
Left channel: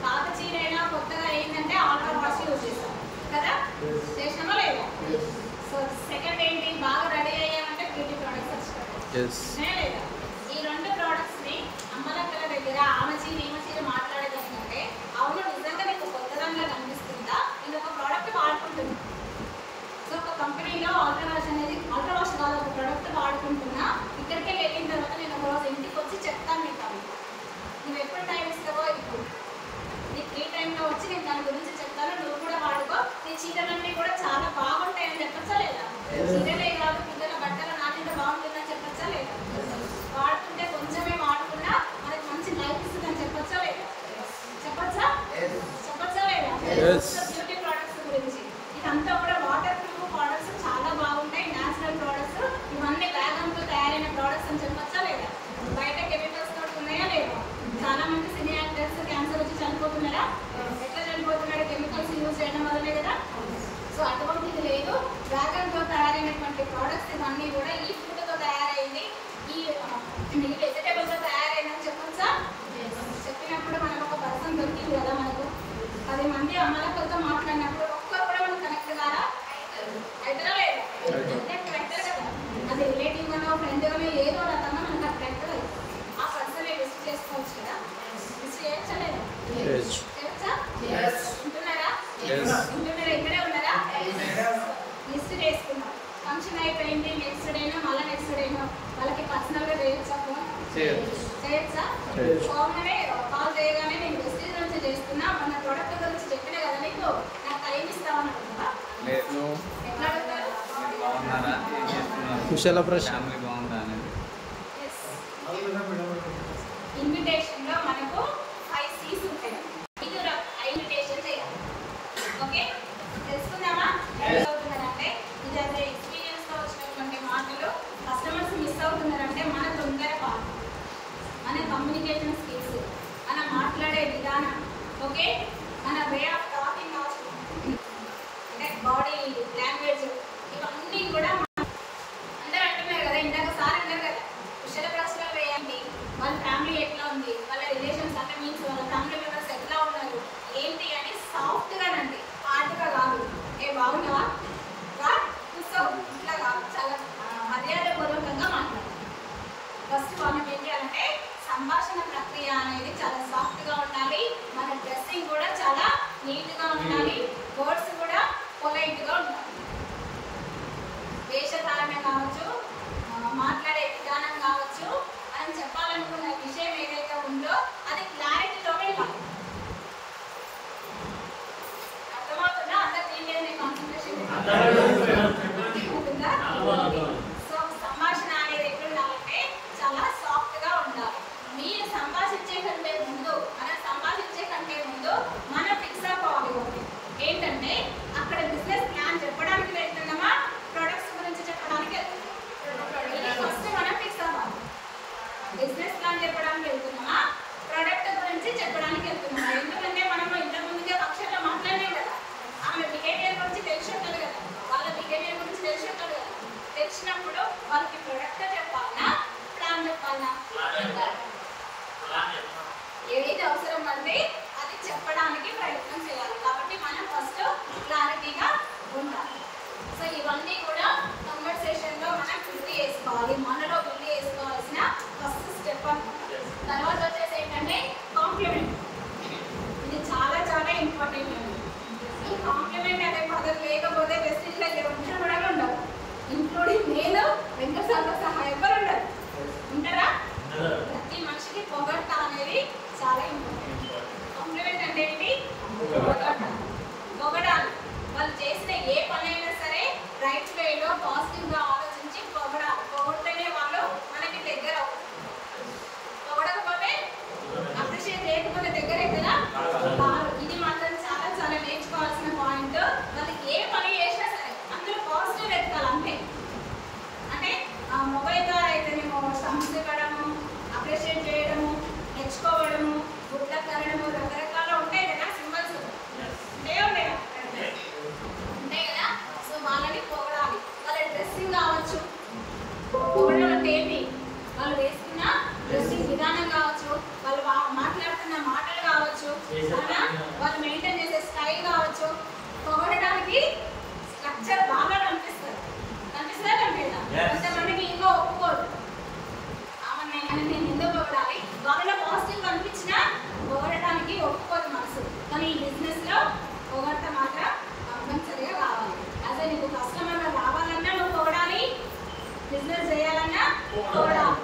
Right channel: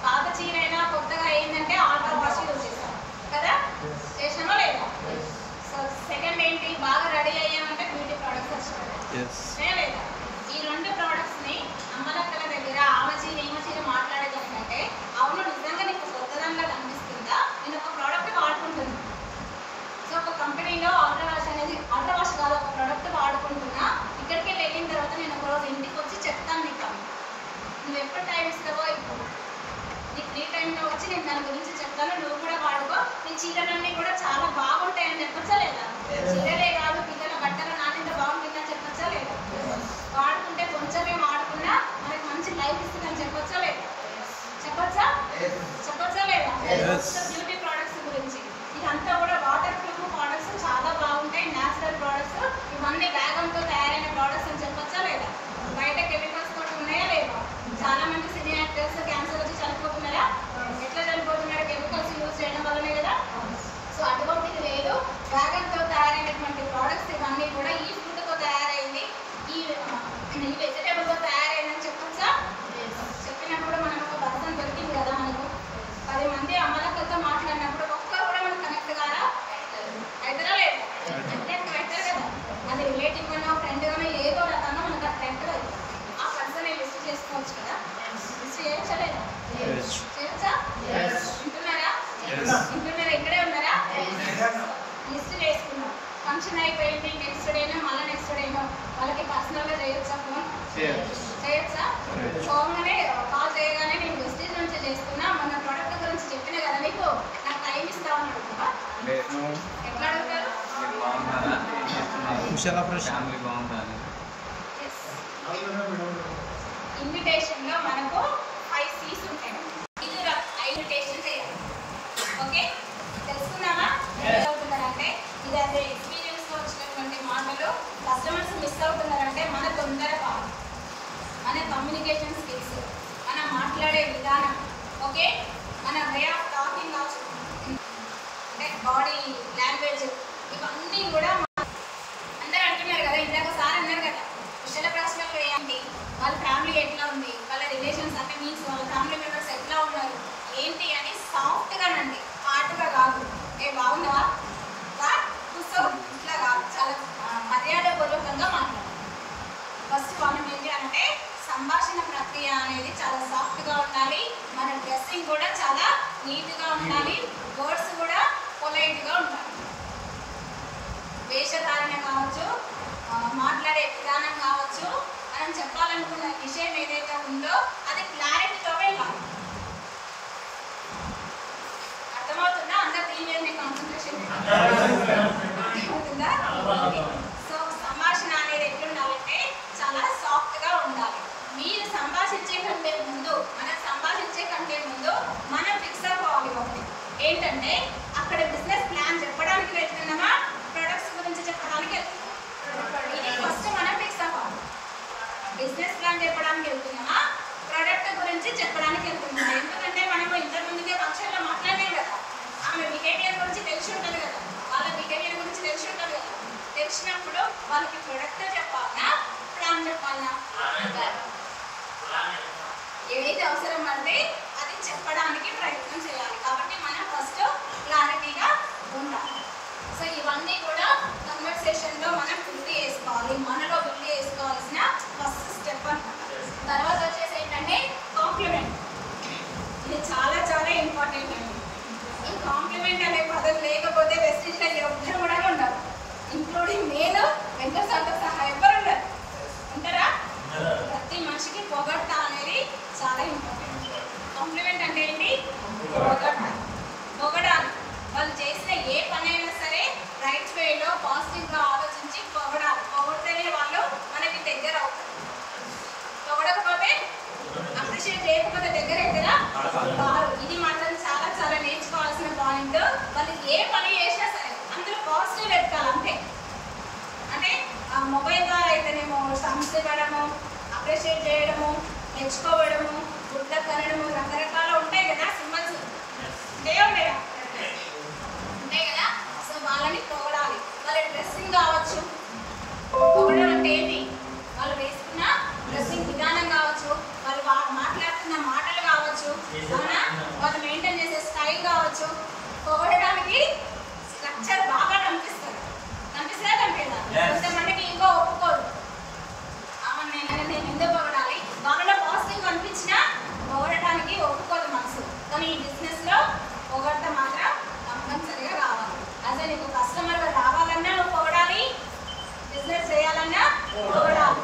పాత చీర అయినా కొత్తగా అయిందంటే ఆల్ట్రా వాష్ యూజ్ చేస్తాం కదా. చేసినామా లేదా? సో సెకండ్ ఏంటి? బాగా రెడీ అయ్యామంటే బ్యూటీ ప్రోడక్ట్స్ వచ్చినాయి లేదా? ఈ 2 ప్రోడక్ట్స్ని అమ్మలక్కల దగ్గర ఆమె చీర ఈమె చీర మాట్లాడేదానికంటే, అవును నిజంగా నీకు కొత్త దానిలా కనిపిస్తుందా, నేను ఒక ప్రోడక్ట్ వాడుకుంటున్నా. సో ఒక కంపెనీలో ఆల్ట్రా వాష్ కాదు, ఒక ప్రోడక్ట్ వాడుకుంటున్నా. ఇక్కడికి వెళ్ళిన తర్వాత నేను ఒకరోజు ఇంటికి వచ్చి చెప్తాను నీకు. నువ్వు ఎప్పుడు టైం ఇస్తావో ఇప్పుడు నీకు ఫ్రీ టైంలో వచ్చి నేను దాని గురించి చెప్తాను, నువ్వు కూడా వాడుకో. నీ చీరలన్నీ కూడా చాలా బాగుంటాయని చెప్పచ్చా లేదా? చీరలే కాదు, పిల్లల బట్టలు నాటింత బాగుంటుందని చెప్పచ్చా లేదా? వాడుకుంటే కొంచెమే వాడుకున్నా మనకి మంచి లైఫ్ ఇస్తుందని చెప్పచ్చా లేదా? చెప్పచ్చా లేదా? బ్యూటీ ప్రోడక్ట్స్ గురించి ఇదంతా కూడా వాటర్ ప్రూఫ్ ప్రోడక్ట్స్ చాలా బాగుంటాయి, న్యాచురల్ ప్రోడక్ట్స్. ఇవన్నీ వ్యాగన్తో తయారైన ప్రోడక్ట్స్ అని చెప్పచ్చా లేదా? బయట కెమికల్స్తో ఉన్నాయా లేదా? చాలా మంది సినీ యాక్టర్స్ క్యాన్సర్ వచ్చి చనిపోతున్నారా? ఎట్లా చనిపోతున్నారు? కెమికల్స్ యూజ్ చేయడం వల్లనే కదా. సో అటువంటిది లేదు. వ్యాగన్తో తయారైనటువంటి ప్రోడక్ట్స్ ఇవన్నీ కూడా ఈ ఫుడ్తో తయారైంది, ఈ వెజిటేబుల్తో తయారైందని చెప్పొచ్చా? చెప్పినప్పుడు మనం ఒక పర్సన్ దొరికింది కదా మనకు. 10 మంది అమ్మలక్కలతో మాట్లాడినప్పుడు ఒక్కరు కూడా మనం కనెక్ట్ కారా? అవుతారా లేదా? కరెక్ట్ కదా. అది రిలేటివ్ గానో ఫ్రెండ్ గానో ఏదో రకంగా మనకు కరెక్ట్ కదా. ఆ పర్సన్ లిస్ట్ చేసుకోవచ్చు కదా. లిస్ట్ చేయొచ్చా లేదా? చేయొచ్చా? ఉంటున్నారా? ఉంటున్నారా? ఇక్కడే ఉన్నారు. ఫంక్షన్ అయిపోయింది నెక్స్ట్ డేనో మళ్ళీ నెక్స్ట్ డేనో వాళ్ళకి పర్సనల్గా చేయొచ్చా ఫోన్ చేయొచ్చా ఫోన్గానే కాల్ చేయగానే నేను వెస్టేజ్ నుంచి చేస్తున్నా మన ప్రోడక్ట్ గురించి చెప్పిన కదా నీకు నాకు టైం ఇస్తా అనుకుంటున్నా ఎట్లా అడుగుతారు కుశల ప్రశ్న బాగుందా ఇన్విటేషన్లో మనకు 5 C's ఉంటాయి. ఇది ఇన్విటేషన్ చేయాలి. ఓకే తెలుసుకుందామా? ఎలా అవుతున్నారంటే ఇది అదే ఎక్స్పీరియన్స్లో వచ్చినటువంటి మాటలు కస్టమర్స్ మిస్ అవుతున్నారంటే మన తొందరపాటు, మన కమ్యూనికేషన్ స్కిల్స్, మన మాట్లాడే విధానం, ఓకే మన వే ఆఫ్ టాకింగ్ ఆల్సో, అంటే బాడీ లాంగ్వేజ్, ఇవన్నీ కూడా అందరూ అంటున్నారు కదా, ఇందాక సార్ అన్నారు కదా కుశల ప్రశ్నలు వేయండి, వాళ్ళ ఫ్యామిలీ ఎట్లా ఉంది, వాళ్ళ రిలేషన్స్ అంటే మీన్స్ వాళ్ళ ఫ్యామిలీ మెంబర్స్ ఎట్లా ఉన్నారు ఏంటి అని సాఫ్ట్గా నండి, హార్డ్గా కాదు. బాగున్నావా కూర్చో ఇట్లా కాదు, చాలా మర్యాదపూర్వకంగా మాట్లాడాలి. ఫస్ట్ మనం ఏం చేయాలంటే సంభాషణ ప్రక్రియ అనేది చాలా సాఫ్ట్గా ఉండాలి. మన డ్రెస్సింగ్ కూడా చాలా నీట్గా ఉండాలి. వర్డ్స్ కూడా పొలైట్గా ఉండాలి. వేషధారణ కావచ్చు, మాట్లాడే విధానం కావచ్చు, మనం చెప్పాలనుకున్న విషయం ఏదైతే ఉందో అది క్లారిటీతో వెళ్ళాలి. అర్థమవుతుందా? అందరు దీని మీద కాన్సన్ట్రేషన్ అవుతుందా? సో సంభాషణ అనేది ఎట్లుండాలంటే చాలా సాఫ్ట్గా ఉండాలి. మీరు సంభాషించే కంటే ముందు, మనం సంభాషించే కంటే ముందు మనం ఫిక్స్ అవ్వాలి. ఒకటి ఏంటంటే అక్కడ బిజినెస్ ప్లాన్ చెప్పడానికి వెళ్తున్నామా, ప్రొడక్ట్స్ గురించి చెప్పడానికి వెళ్తున్నామా, ఇది ఫస్ట్ మనం ఫిక్స్ అవ్వాలి. బిజినెస్ ప్లాన్ చెప్పడానికి వెళ్తున్నామా, ప్రోడక్ట్ గురించి చెప్పడానికి వెళ్తున్నామా? ఎందుకంటే మనము ఇంతకుముందుగా ఫంక్షన్లో మాట్లాడినాం కదా, ఆమె బిహేవియర్ గురించి తెలిసి ఉంటుంది కదా, వాళ్ళ బిహేవియర్ గురించి తెలిసి ఉంటుంది కదా. తెలిసినప్పుడు వాళ్ళకి ప్రొడక్ట్ చెప్పాలన్నా ప్లాన్ చెప్పాలన్నా, ఏదైతే అవసరం పడితే అది చెప్పడానికి ప్రయత్నం చేయాలి. కాబట్టి మనం ఫస్ట్ క్లారిటీగా ఉండాలి. సో ఇవన్నీ కూడా కన్వర్సేషన్లో మనం బిల్డ్ చేసుకోవాలి. మనలో బిల్డ్ చేసుకోవాల్సిన ఫస్ట్ స్టెప్ అన్నమాట. తర్వాత వచ్చేసి ఏంటంటే కాంప్లిమెంట్. ఇది చాలా చాలా ఇంపార్టెంట్ అండి. ఈ కాంప్లిమెంట్ అనే పదం లేకపోతే వెస్టేజ్లో ఎవరు కూడా ఉండరు, ఇంక్లూడింగ్ నేను, వెంకటసాగర్ సహా ఎవరు ఉండరు. ఉంటారా? ప్రతి మనిషికి పొగడ్త అనేది చాలా ఇంపార్టెంట్. కాంప్లిమెంట్ అంటే ఏంటి? పొగడాలి. వాళ్ళు చేసిన ఏ పని అయినా సరే రైట్ వేలో పాజిటివ్గా ఆలోచించి పొగడాలి. పొగిడితేనే వాళ్ళు మనకి దగ్గర అవుతారు. పొగడకపోతే, అప్రిషియేట్ చేయకపోతే దగ్గర అవుతారా? వారు ఇది మాత్రం చాలా చాలా నేర్చుకోవాల్సిన పాయింట్. వాళ్ళు ఏ పని చేసినా సరే అందులో పాజిటివ్ వెతకాలి అంతే. అంటే మొబైల్ ద్వారా అయితేనేమో సంస్థివ్వడము, అప్రిషియేట్ చేయడము, నేర్చుకోవడము, గుడ్ల కనడము, రకరకాల ఉంటాయి కదా సింబల్స్, ఉంటాయి కదా. సో వాళ్ళని పొగడాలి. వాళ్ళ డ్రెస్సింగ్ కావచ్చు, పొగడం అంటే ఏంటి, వాళ్ళు వేసుకున్న డ్రెస్సింగ్ విధానం కావచ్చు, వాళ్ళు మాట్లాడుతున్న మాటలు కావచ్చు, వాళ్ళు మెయింటైన్ చేసే స్టైల్ కావచ్చు. పొగడడానికి స్ట్రక్చర్ బాగా కనిపిస్తుందా? కనిపిస్తుందా? కొంతమందికి ఈగో ఒప్పుకోదు, నేను ఎందుకు పొగడాలి, వాళ్ళలో పాజిటివ్ కనిపించినా పొగడటానికి ఒప్పుకోదు మనసు. కానీ ఈ బిజినెస్లో పొగడత మాత్రం కంపల్సరీగా రావాలి. అసలు నీకు కస్టమర్గా రావాలన్నా నువ్వు పొగడాలి, బిజినెస్ చేయాలన్నా పొగడాలి.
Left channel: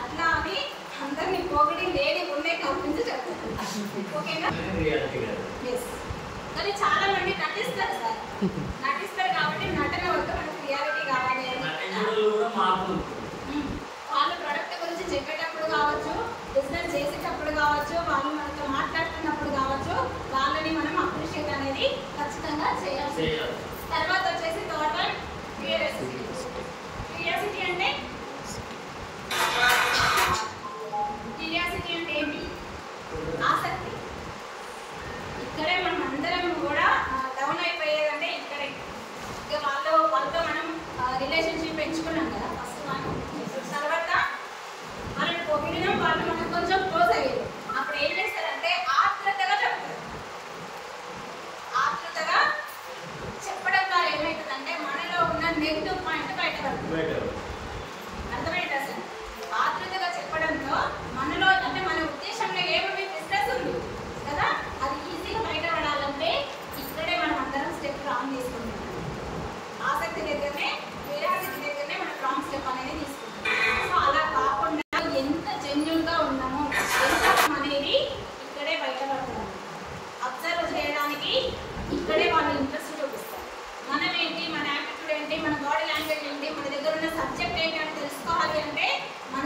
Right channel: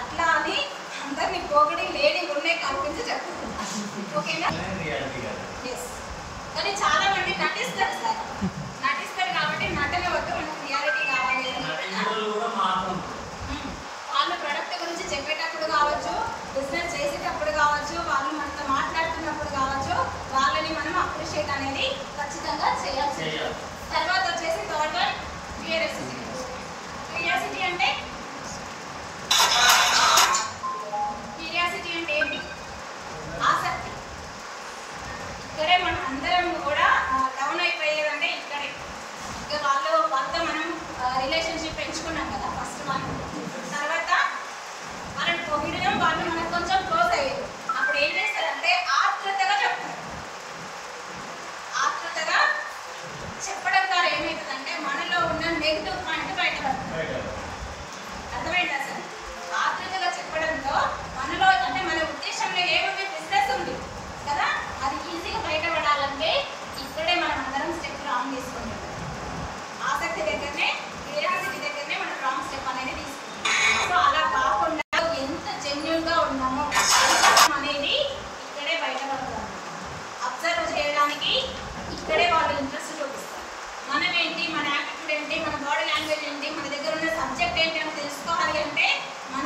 అట్లా అని అందరినీ పొగిడి లేడీ ఉండే కల్పించి చెప్తున్నా, ఓకేనా? ఎస్. కానీ చాలా మంది నటిస్తారు సార్, నటిస్తారు కాబట్టి నటన వద్ద మనకు రియాలిటీ కావాలి. వాళ్ళు ప్రొడక్ట్ గురించి చెప్పేటప్పుడు కావచ్చు, బిజినెస్ చేసేటప్పుడు కావచ్చు, వాళ్ళు మనతో మాట్లాడుతున్నప్పుడు కావచ్చు, వాళ్ళని మనం అప్రిషియేట్ అనేది ఖచ్చితంగా చేయాల్సి. తర్వాత వచ్చేసి థర్డ్ వన్ క్యూరియాసిటీ. క్యూరియాసిటీ అంటే ఏంటి? ఆసక్తి. ఇక్కడే మనం అందరం కూడా డౌన్ అయిపోయేదంటే ఇక్కడే. ఇక వాళ్ళతో మనం రిలేషన్షిప్ పెంచుకున్నాం కదా ఫస్ట్ మనం, తర్వాత వాళ్ళని పొగిడినాం, వాళ్ళు మనకు కొంచెం క్లోజ్ అయ్యారు. అప్పుడు ఏం చేస్తారంటే ఆత్రుతగా చెప్తారు. ఆత్రుతగా చెప్పడం ద్వారా ఏమవుతుందంటే మనలో ఉన్న నెగిటివ్ పాయింట్ బయటపడుతుంది. అర్థమైందా సార్? ఆత్రుతగా చెప్పడంతో మనలో అంటే మన ఉద్దేశంలో ఏముంది, బిజినెస్ ఉంది కదా, అది ఈజీగా బయటపడాలంటే ఇక్కడే మనం అందరం స్టెప్ రాంగ్ తీసుకుంటాం. ఆసక్తి దగ్గరనే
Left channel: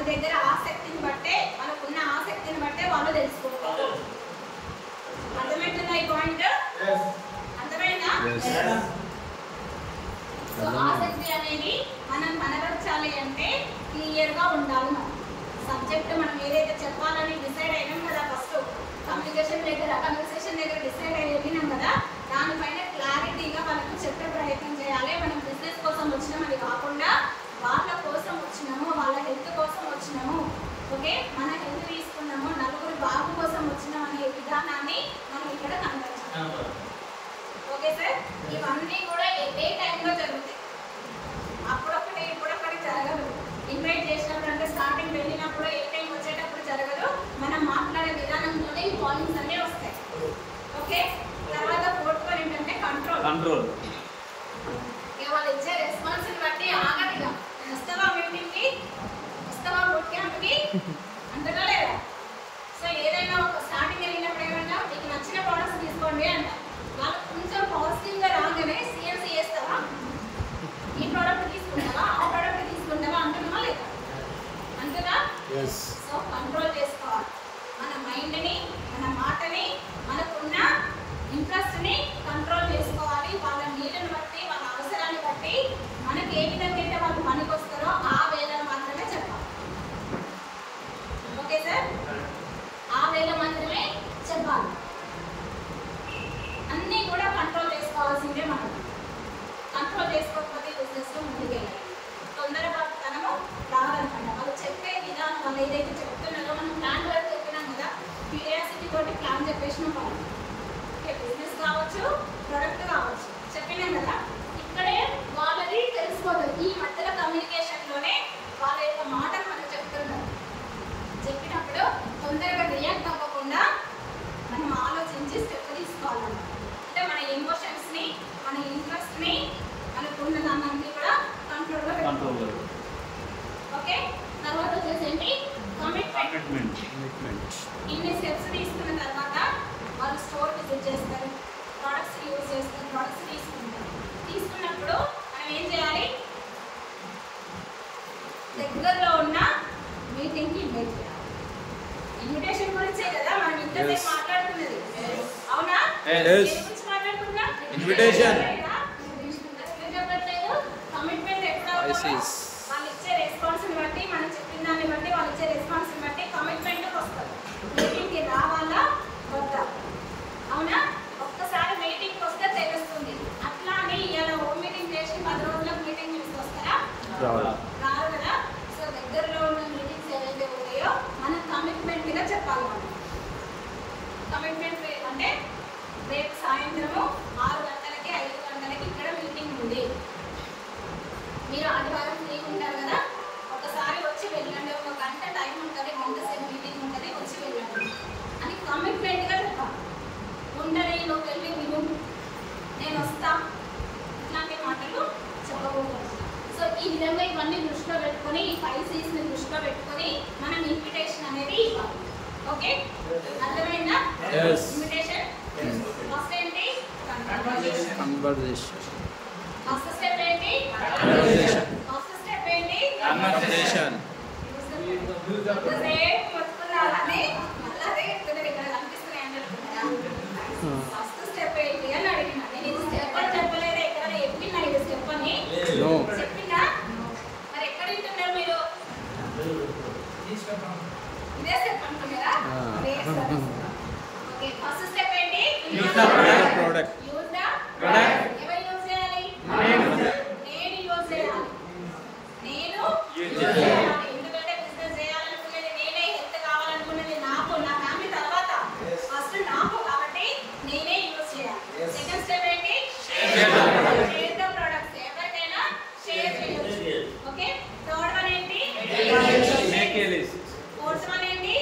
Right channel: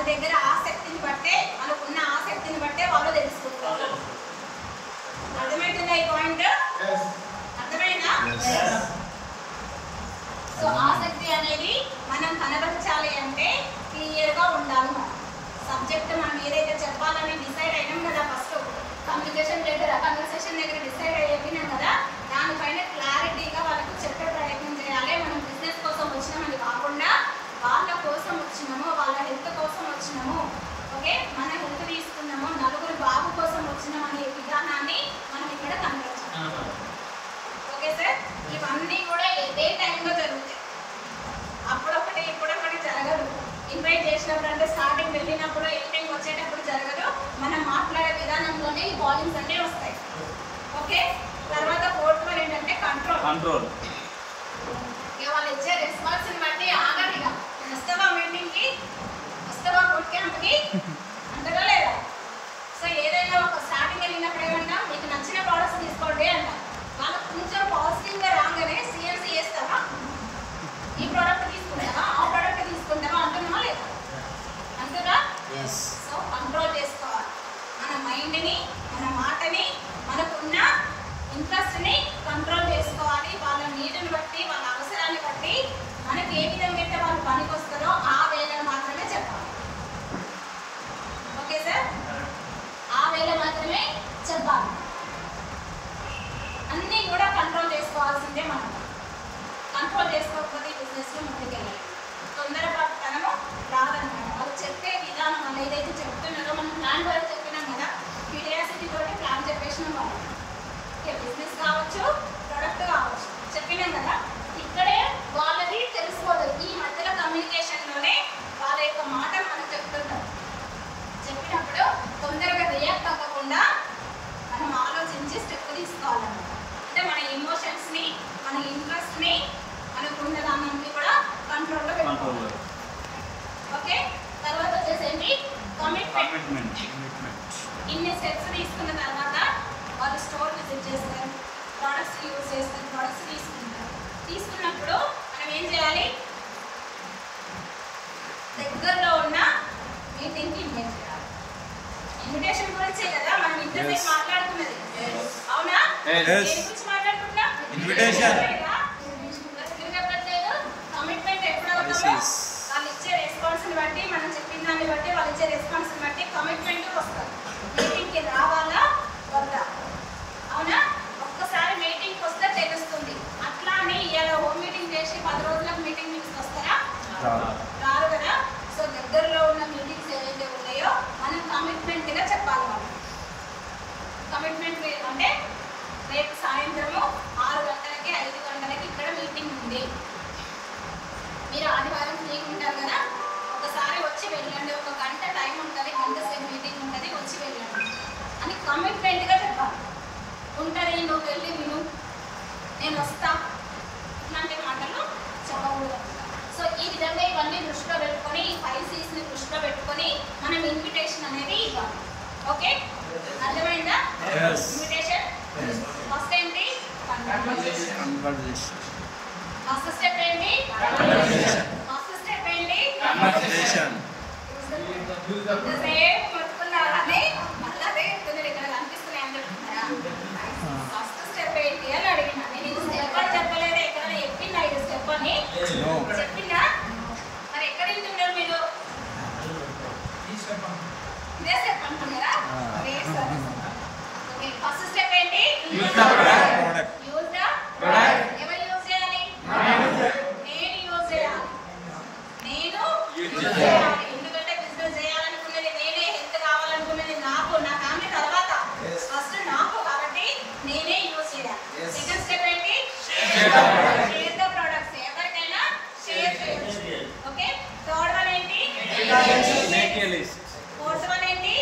దగ్గర ఆసక్తిని బట్టే, మనకున్న ఆసక్తిని బట్టే వాళ్ళు తెలుసుకుంటారు. అర్థమవుతుందా ఈ పాయింట్? అర్థమైందా? సో ఆసక్తి అనేది మనం కనబరచాలి అంటే క్లియర్గా ఉండాలి. మనం సబ్జెక్ట్ మనం ఏదైతే చెప్పాలని డిసైడ్ అయినాం కదా, ఫస్ట్ కన్వర్సేషన్ దగ్గర డిసైడ్ అయిపోయినాం కదా, దానిపైన క్లారిటీగా వాళ్ళకు చెప్పే ప్రయత్నం చేయాలి. మనం బిజినెస్ కోసం వచ్చినామని కాకుండా వాళ్ళ కోసం వచ్చినాము, వాళ్ళ హెల్త్ కోసం వచ్చినాము, ఓకే, మన హెల్త్ తీసుకున్నాము, నలుగురు బాబు కోసం వచ్చినాం అనే విధానాన్ని మనం ఇక్కడ కనబరచాలి. ఓకే సార్, ఇవన్నీ కూడా ఏ టైంలో జరుగుతాయి, అప్పుడొకటి ఇప్పుడొకటి జరగదు. ఇన్వైట్ చేసినప్పుడు అంటే స్టార్టింగ్ వెళ్ళినప్పుడు ఎండింగ్ వచ్చేటప్పుడు జరగదు. మనం మాట్లాడే విధానంలోనే ఈ పాయింట్స్ అన్నీ వస్తాయి. ఓకే, తర్వాత ఫోర్త్ వన్ ఏంటంటే కంట్రోల్. వాళ్ళు ఇచ్చే రెస్పాన్స్ని బట్టి ఆగడిగా వస్తావా మీటింగ్కి, వస్తావా బుక్ క్యాంప్కి అంతగా లేదా. సో ఏదైనా ఒక స్టార్టింగ్ వెళ్ళినప్పుడు ఏమన్నా మీకు నచ్చిన ప్రోడక్ట్స్ తీసుకోండి అంట, వాళ్ళు కొంచెం పాజిటివ్గా రాగానే సిఎంసీ చేస్తావా, ఈ ప్రోడక్ట్ తీసుకుంటావా, ఆ ప్రోడక్ట్ తీసుకుంటావా అంటున్నావా లేదా, అంటున్నా. సో కంట్రోల్ చేసుకోవాలి మన మైండ్ని, మన మాటని, మనకున్న ఇంట్రెస్ట్ని కంట్రోల్ చేసుకోవాలి. వాళ్ళ నీడ్ని బట్టి, వాళ్ళ అవసరాన్ని బట్టి మనకి ఏ విధంగా అయితే వాళ్ళు పనికి వస్తారో ఆ వేళ మాత్రమే చెప్పాలి. ఓకే సార్, ఆ వేళ మాత్రమే చెప్పాలి. అన్నీ కూడా కంట్రోల్ చేసుకోవాల్సిందే. మనం కంట్రోల్ చేసుకోకపోతే బిజినెస్లో ముందుకెళ్ళాలి. తొందరపాటుతనము రాదనమాట. వాళ్ళు చెప్పే విధానం, వాళ్ళు ఏదైతే చెప్తున్నారో మనం ప్లాన్ వరకు చెప్పినాం కదా, క్యూరియాసిటీ తోటి ప్లాన్ చెప్పేసినాం వాళ్ళు. ఓకే, బిజినెస్ కావచ్చు, ప్రొడక్ట్ కావచ్చు, చెప్పినాం కదా, ఇక్కడే వాళ్ళది తెలిసిపోతుంది. ఈ మధ్యలో కమ్యూనికేషన్లోనే వాళ్ళ యొక్క మాట మనం చెప్తుంటారు. చెప్పినప్పుడు తొందరగా రియాక్ట్ అవ్వకుండా మనం ఆలోచించి స్టెప్ తీసుకోవాలన్నమాట. అంటే మన ఎమోషన్స్ని, మన ఇంట్రెస్ట్ని, మనకున్న దాన్ని కూడా కంట్రోల్లో పెట్టుకోవాలి. ఓకే, తర్వాత వచ్చేసి ఏంటి, కమిట్మెంట్. ఇన్ని స్టెప్స్ తీసుకున్న తర్వాత వాళ్ళు స్టోర్ విజిట్ చేస్తారు, ప్రోడక్ట్స్ యూజ్ చేస్తారు, ప్రోడక్ట్స్ తీసుకుంటారు. తీసుకున్నప్పుడు మనం ఏం చేయాలి, దగ్గరలో ఉన్న మీటింగ్కి ఇన్వైట్ చేయాలి. ఇన్విటేషన్ గురించే కదా మనం ఇంతసేపు మాట్లాడుతున్నది, అవునా? మాట్లాడుకుంటున్నా ఇన్విటేషన్. చెప్పట్లేదు. కమిట్మెంట్ ఎప్పుడు అవుతుందో వాళ్ళు ఇచ్చే రెస్పాన్స్ని బట్టి, మనం చెప్పిన దాన్ని బట్టి, వాళ్ళు ఇచ్చే రెస్పాన్స్ని బట్టి కమిట్మెంట్ వస్తుంది. మీటింగ్కి రావాలా వద్దా, అవునా? ఒక్కసారి మీటింగ్కి వస్తే తెలుస్తుంది. అట్లా అని ఇలా హోమ్ మీటింగ్ చేసి 10 రోజులకు మీటింగ్ తీసుకొస్తారా? రారు కదా. సో దగ్గరలో ఉన్న మీటింగ్స్ ఏవైతే ఉన్నాయో మనం కమిట్మెంట్గా చెప్పాలి. మనం కమిట్మెంట్ అంటే రేపు సాయంత్రము 6 గంటలకి 5 గంటలకి ఇక్కడ మీటింగ్ ఉంది, మీరు ఆదివారం ఫ్రీగా ఉంటారు కదా, ఒకసారి వచ్చి వెళ్ళండి, 1 గంట టైం ఉంటుంది, గంట సేపు మీటింగ్ ఉంటుంది, వచ్చి వెళ్ళండి అని కమిట్మెంట్గా చెప్పాలి. ఉంటుంది, నువ్వు వెళ్ళి విను, నేను వస్తా, ఇట్లాంటి మాటలు చెప్పకూడదు. సో ఈ విధంగా ఇవన్నీ దృష్టిలో పెట్టుకొని, ఈ 5 C's దృష్టిలో పెట్టుకొని మనం ఇన్విటేషన్ అనేది ఇవ్వాలి. ఓకే, అర్థమైందా? ఇన్విటేషన్ ఫస్ట్ ఏంటి, కన్వర్జేషన్. ఫస్ట్ స్టెప్ ఏంటి, కన్వర్జేషన్. ఫస్ట్ స్టెప్ ఏంటి, కన్వర్జేషన్. సేమ్ పట్టుకున్నారని మళ్ళీ అదే చెప్తున్నారు, ఇక్కడ కనిపిస్తున్నాయి అంటున్నారా? ఫస్ట్ స్టెప్ ఏంటి అని అడిగినా. నేను ఇది స్టెప్ అని చెప్పలేదు, ఇక్కడ చెప్పిందా ఇది స్టెప్ అని చెప్పిందా? మరి ఎక్కడ వింటున్నారు మీరు? ఇదే స్టెప్ అంటున్నారా? ఓకే, ఫస్ట్ స్టెప్ ఏంటి, ప్రోడక్ట్. Use the product. ఎవరు యూజ్ చేయాలి? నేను యూజ్ చేయాలి, నేను యూజ్ చేయాలి. ఎందుకంటే బిజినెస్ చేయాలనుకున్నది నేనే, హెల్త్ కావాలనుకున్నది నాకు, నా ఫ్యామిలీ తర్వాత ఫస్ట్ నాకు, కాబట్టి నేనే యూజ్ చేయాలి. సెకండ్ స్టెప్ ఏంటి, షేర్ ద ప్రొడక్ట్స్. ఎవరికైనా షేర్ చేయొచ్చు. ఓకే, థర్డ్ వన్ ఏంటి, ఫోర్త్ వన్ ఏంటి,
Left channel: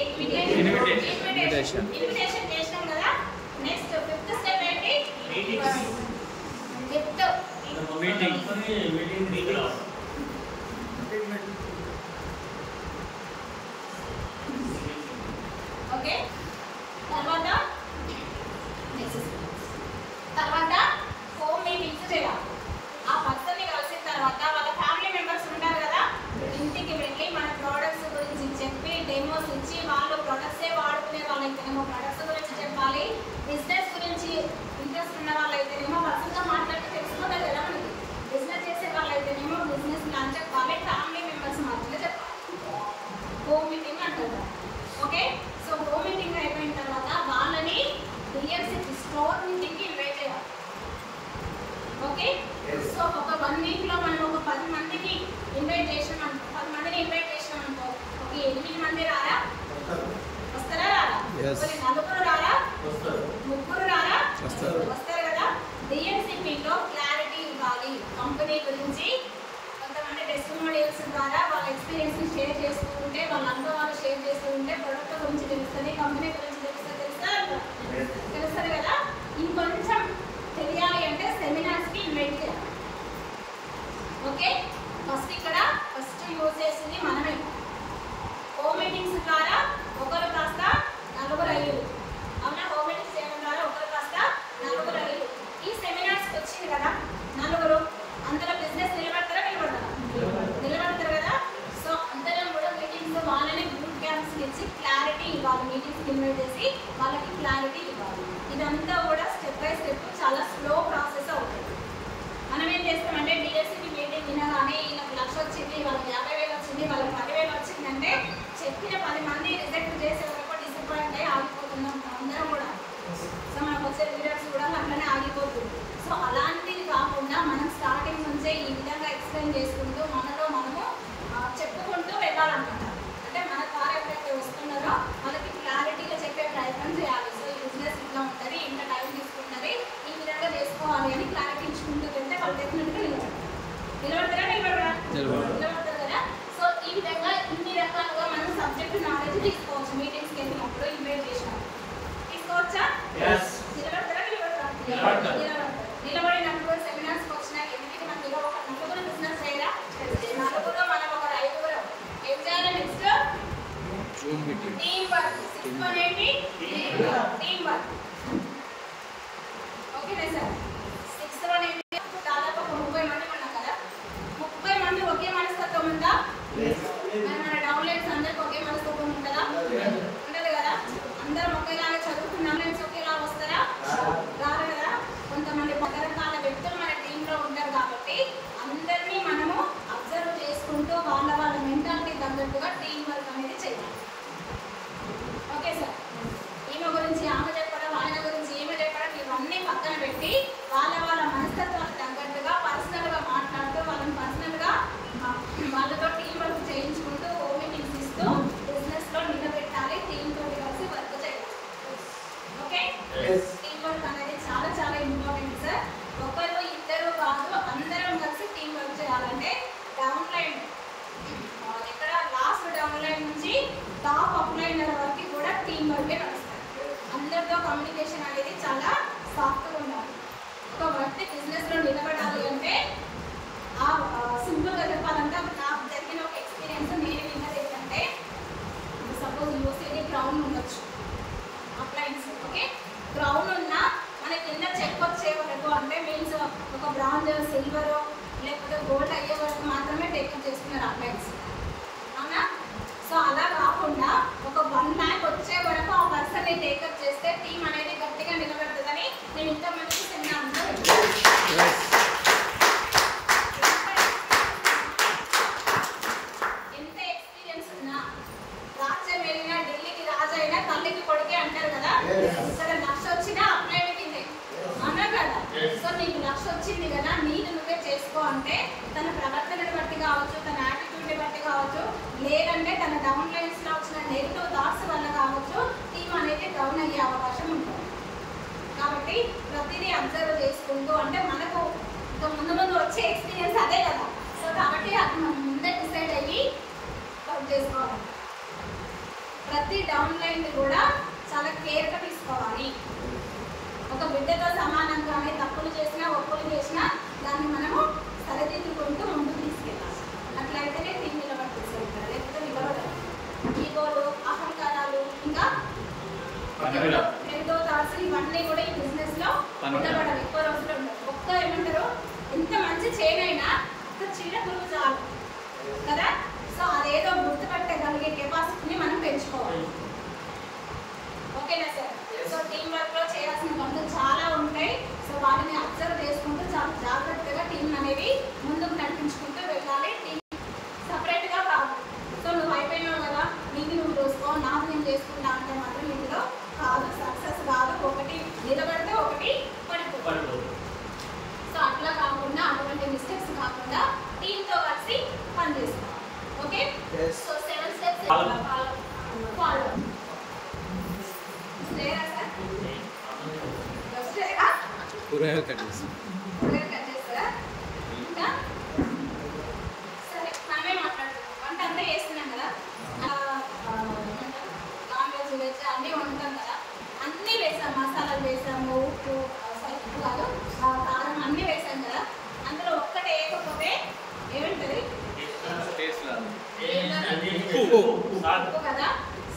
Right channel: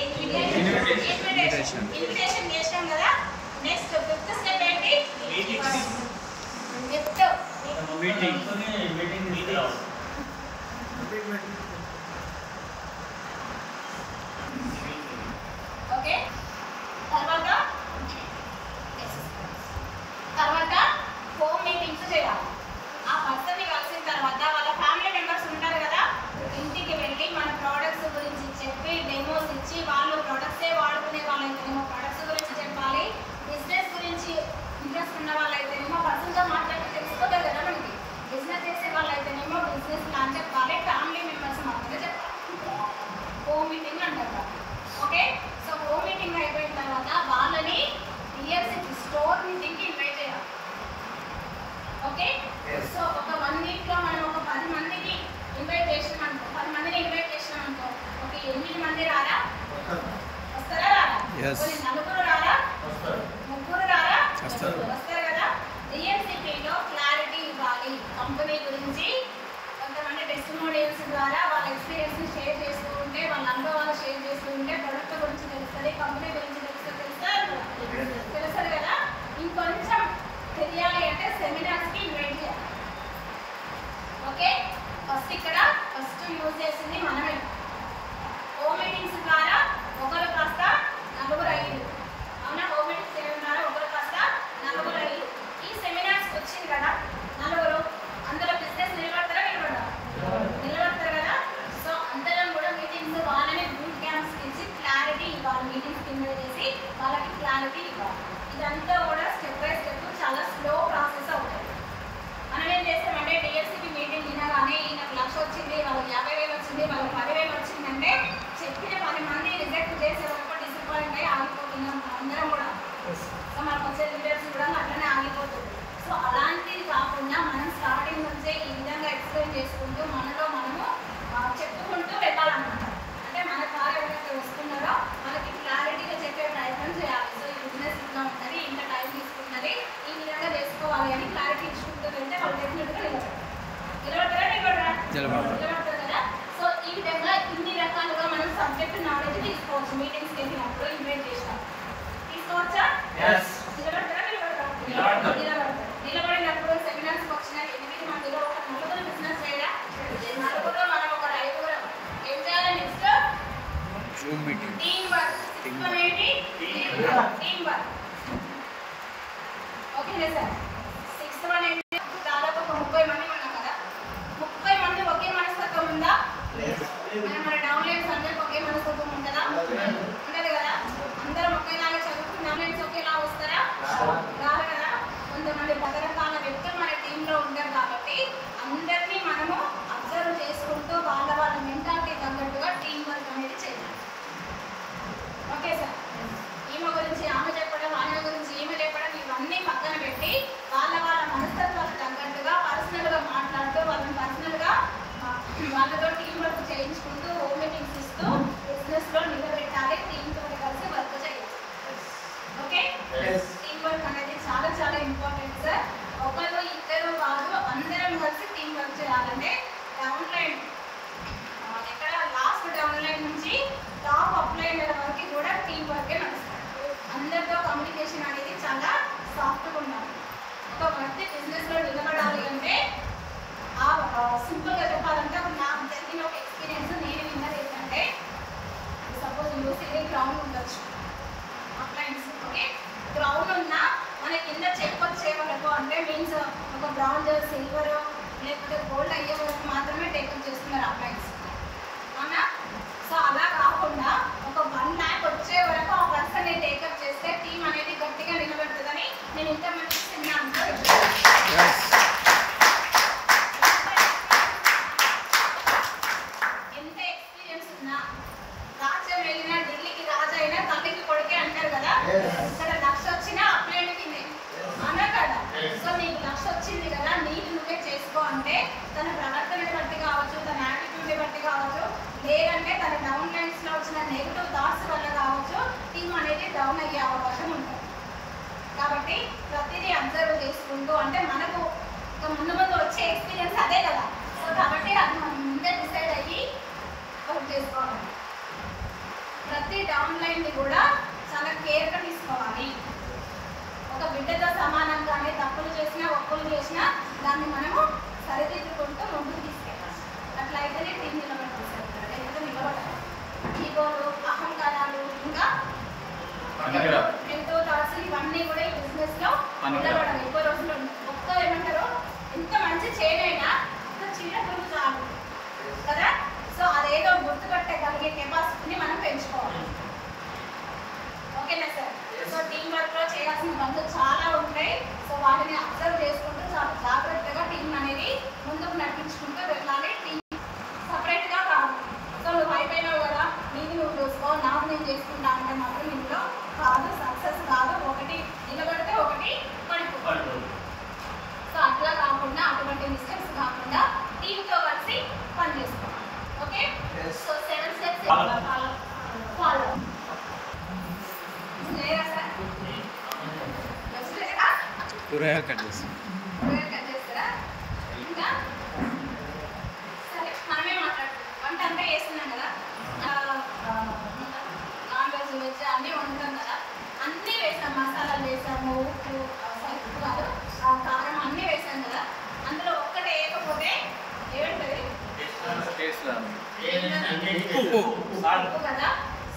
ఇన్విటేషన్. ఇన్విటేషన్ చేసినాం కదా. నెక్స్ట్ 5th స్టెప్ ఏంటి, గిఫ్ట్. మీటింగ్ ఓకే, తర్వాత హోమ్ మీటింగ్స్ చేయాలి. ఆ పర్సన్ని కలిసిన తర్వాత వాళ్ళ ఫ్యామిలీ మెంబర్స్ ఉంటారు కదా, ఇంటికి వెళ్ళి మన ప్రోడక్ట్స్ గురించి ఆఫీస్ ఉన్న వాళ్ళు అయితేనేమో పర్సన్తో మాట్లాడితే తెలుసుకోలేదు కదా మనకి. బిజినెస్ చేసే వాళ్ళు అయితేనేమో బిజినెస్ ప్లాన్ చెప్పాలి, ఫ్యామిలీ మెంబర్స్ మాత్రమే చెప్పాలి. హోమ్ మీటింగ్ అంటారు. ఓకే, సో హోమ్ మీటింగ్ అయిపోయిన తర్వాత వాళ్ళని డిఎఫ్సి స్టోర్ మీటింగ్కి ఇన్వైట్ చేయాలి. ఓకే, సో ఒక 1 వీక్లో మనం ఒక 10 మందికి ఇన్వైట్ చేసినాం అనుకో, 10 మందిని ఇన్వైట్ చేసినాం అనుకో, ఒక 8 మంది రారా? వస్తారా రారా? నలుగురు రారా? ముగ్గురు రారా? వస్తారు కదా. డిఎంసిపిలో క్లారిటీ ఇవ్వాలి కంపెనీ గురించి. కొంతమంది టెస్టిమోనియల్స్ ద్వారా వాళ్ళ ఎక్స్పీరియన్స్ని షేర్ చేస్తూ ఉంటే, వాళ్ళ అనుభవాలు షేర్ చేస్తూ ఉంటే ప్రొడక్ట్ గురించి తెలుస్తుంది, కంపెనీ గురించి తెలుస్తుంది కదా. ఇంకొంచెం తెలియాలి అంటే సెమినార్స్కి ఇన్వైట్ చేయాలి. ఓకే, ఫస్ట్ యూజ్ చేసింది మనమే. హోమ్ మీటింగ్స్ ద్వారా ఒకరు కాస్త నలుగురు అయ్యారు. అవునా, హోమ్ మీటింగ్స్ చేయడం ద్వారా ఒకరు కాస్త నలుగురు అయ్యారు. ఈ సెమినార్స్కి వచ్చింది కదా నలుగురు, అందరూ బిజినెస్ నిలబడతారా? నిలబడతారు కదా. సో అందరం కూడా మీటింగ్స్ వాళ్ళని గ్రూప్ క్యాంప్స్ ఇచ్చి క్లారిటీ ఇవ్వాలి. మీటింగ్స్ ఇన్వైట్ చేసి వాళ్ళకి క్లారిటీ ఇవ్వాలి. ఇదంతా కూడా స్టెప్ బై స్టెప్ చాలా స్లో ప్రాసెస్ అవుతుంది. మనం ఏం చేస్తామంటే డిఎస్సిపి మీటింగ్ వినగానే ఈయనకు 1,00,000 వచ్చింది, వాళ్ళకి 50,000 వచ్చింది, వాళ్ళకి 10,000 వచ్చిందంటే చెప్పిన 10 మంది రిజెక్ట్ చేసే వరకు డిసప్పాయింట్ అయ్యి ఆగిపోతున్నాం అందరం కూడా. సో మనకు వచ్చే లీడర్స్ కూడా అట్లనే ఆగిపోతుంది. సో అలాంటిది కాకుండా మనం స్టార్టింగ్ నుంచే ఈ విధంగా ఎక్స్ప్లెయిన్ చేసుకుంటూ మనలో మనము చెప్పుకుంటూ వెళ్ళాలన్నమాట. అంటే మన ద్వారా ఎవరైతే వస్తున్నారో వాళ్ళకి క్లారిటీగా చెప్పే ప్రయత్నం చేయాలి. సో ఈ బిజినెస్ ఇట్లా ఉంటుంది, ఇంత టైం తీసుకుంటుంది, ఈ విధంగా చేసుకోవాలి అని క్లారిటీ ఇచ్చుకుంటూ వెళ్తే వాళ్ళు డెఫినెట్గా నిలబడతారు కదా. సో ఈ విధంగా ఇన్ని రకాలుగా మనం సబ్జెక్ట్ నాలెడ్జ్ తీసుకోవచ్చు. మీటింగ్స్కి వెళ్ళినప్పుడు ఇన్వైట్ చేసినాం, తీసుకోవచ్చా? నిలబడినప్పుడు సెమినార్స్కి వచ్చిన 8 మందిలో ఒక 4 బిజినెస్ చేయాలా? 4 మనం ఒక 5 ఏం చేయాలి? Next Zoom meeting, team work. Team work ఓకేనా సార్? 6th వన్ ఏంటి? దాదాపు ఒక 30 మంది ఉన్నాం కదా. 30 మంది ఒకే మనస్తత్వం ఉందా? మన డౌన్లైన్స్ అందరికి ఒకే మనస్తత్వం ఉంటుందా? ఉండదు కదా. అందరం ఒకేలాగా చదువుకున్న డౌన్లైన్స్ ఒకేలా వస్తారా? రారు కదా. కొంతమంది రకరకాల వ్యక్తులు మన టీంలో ఉంటారు కాబట్టి అందరినీ మనము అబ్జర్వ్ చేసుకుంటూ వాళ్ళ మెంటాలిటీ తగ్గట్టుగా టీం వర్క్ అనేది చేయాలి. ఓకే సార్, ఈమె గురించి ఆమె చెప్పడం, ఆయన గురించి ఈమె చెప్పడం, ఇవన్నీ పక్కన పెట్టి వాళ్ళ మనస్తత్వాలకు తగ్గట్టుగా పర్సనల్గా మాట్లాడుతూ వాళ్ళని పర్సనల్గా వాళ్ళతో టీం వర్క్ చేయించుకుంటూ హోమ్ మీటింగ్స్ ఇస్తూ బిజినెస్లో నిలబెట్టాలి. టీంతో కలిసి వర్క్ చేయాలి. ఓకే, టీం వర్క్ అనేది చాలా చాలా ఇంపార్టెంట్ సార్. ఒకరు ఇద్దరు కాదు, అందరం కలిసి టీం వర్క్ చేయాలంటే డౌన్ లైన్ ఎక్కడ లాస్ట్ డౌన్ లైన్ నుంచి టాప్ అప్ లైనర్ వరకు కూడా టీం వర్కే నడుస్తుంది. అందరితో కమ్యూనికేషన్ అనేది చాలా సాఫ్ట్గా ఉండాలి. ఒక వ్యక్తి బిజినెస్లో నిలబడాలి అంటే సింపుల్గా చెప్పాలంటే నాకు జరిగిన ఒక ఎక్స్పీరియన్స్ నేను విన్నది ఏంటంటే, సపోజ్ యూసీడీ క్రౌన్ ఉండొచ్చు అప్లయన్స్. ఓకే, క్రౌన్ ఉన్నా మన కింద చెక్ వచ్చే వరకు అంటే మీన్స్ ఒక బ్రాంజ్, సిల్వర్ లేకపోతే గోల్డ్ అయ్యే వరకు మాత్రమే టేకప్ చేస్తున్నారు అప్లయన్స్, అవునా? సో అలా కాకుండా ఒక 1 lakh వచ్చే వరకు ఆ పర్సన్ని టేకప్ చేస్తే టీం అనేది గట్టిగా నిలబెడుతుందని నేను ఇంతమందికి సెమినార్లో ఎంత ఎక్స్పీరియన్స్ ఉన్నా రాజ్యం వెళ్ళినా ఢిల్లీకి రాజు అయినా తల్లికి కొడుకే అంటారు కదా. ఇక్కడ 1,00,000 వచ్చినా అప్లైన్ కిందే అన్నారు కదా. సో నీకు 1,00,000 వచ్చింది కదా, నీకు నువ్వే చేసుకో అంటే తన ప్రవర్తనని బట్టి కావచ్చు, తన యాటిట్యూడ్ని బట్టి కావచ్చు, లేదంటే తన డౌన్ లైన్స్లో వచ్చిన నెగిటివ్ థాట్స్ వల్ల కావచ్చు టీం అనేది డౌన్ అయ్యే అవకాశం ఉంటుంది. కాబట్టి ప్రతిదీ అబ్జర్వ్ చేసుకుంటూ, అంటే మనకు ఇంకా ముందు వచ్చే ఎక్స్పీరియన్స్ అదే కదా. సో కాబట్టి అది మనం ముందే డిసైడ్ అయ్యి వర్క్ చేసుకోవాలి. ప్రతి డౌన్ లైన్ని కూడా చాలా కేర్గా తీసుకోవాలి. ఒక బిడ్డతో సమానంగానే తప్పులు చేసినా ఒప్పులు చేసినా దాన్ని మనము సరిదిద్దుకుంటూ ముందుకు తీసుకెళ్ళాలి. అట్లయితేనే టీం నిలబడుతుంది, లేకపోతే నిలబడాలి. ఈగోలు, అహంకారాలు, ఇంకా ఎంతో థాట్స్ ఇవన్నీ కూడా ఈ బిజినెస్లో నిలబడాలి. ఎక్కువ రోజులు ఉండవు. ఒక్క ఏమంటారు, ఎంత మంచి చేయనైనా ఒక చిన్న గ్రూప్ చాలు కదా. సో అదేదో గుర్తుపట్టగలిగే కెపాసిటీని మనం పెంచుకోవాలి. ఓకేనా సార్? సో టీం వర్క్లో చేయాల్సిన పనులు చాలా ఉంటాయి. సో మిస్టేక్స్ కాకుండా టీంతో కలిసి పని చేసుకోవాలి. Okay, Yes. So 7 steps follow లేదా సార్? వస్తలేదా? కూరగాయలు కట్ చేసి కూరగాయలు కట్ చేస్తారా? ఇంకా సరే, మనమే మాట్లాడుతున్నాం. వంట అంతా చేస్తున్నాం కదా, నాన్ వెజ్ వెజ్ అన్నీ వండుతాం కదా, అన్నీ వేసాం, మసాలాలు వేసాము, ఉప్పు ఉప్పు కాదు కారం అన్నీ వేసాం కదా, అందులో ఒక్కటే వేయకపోతే ఏమంటుంది? టేస్ట్ రాదు. ఉప్పు కదా.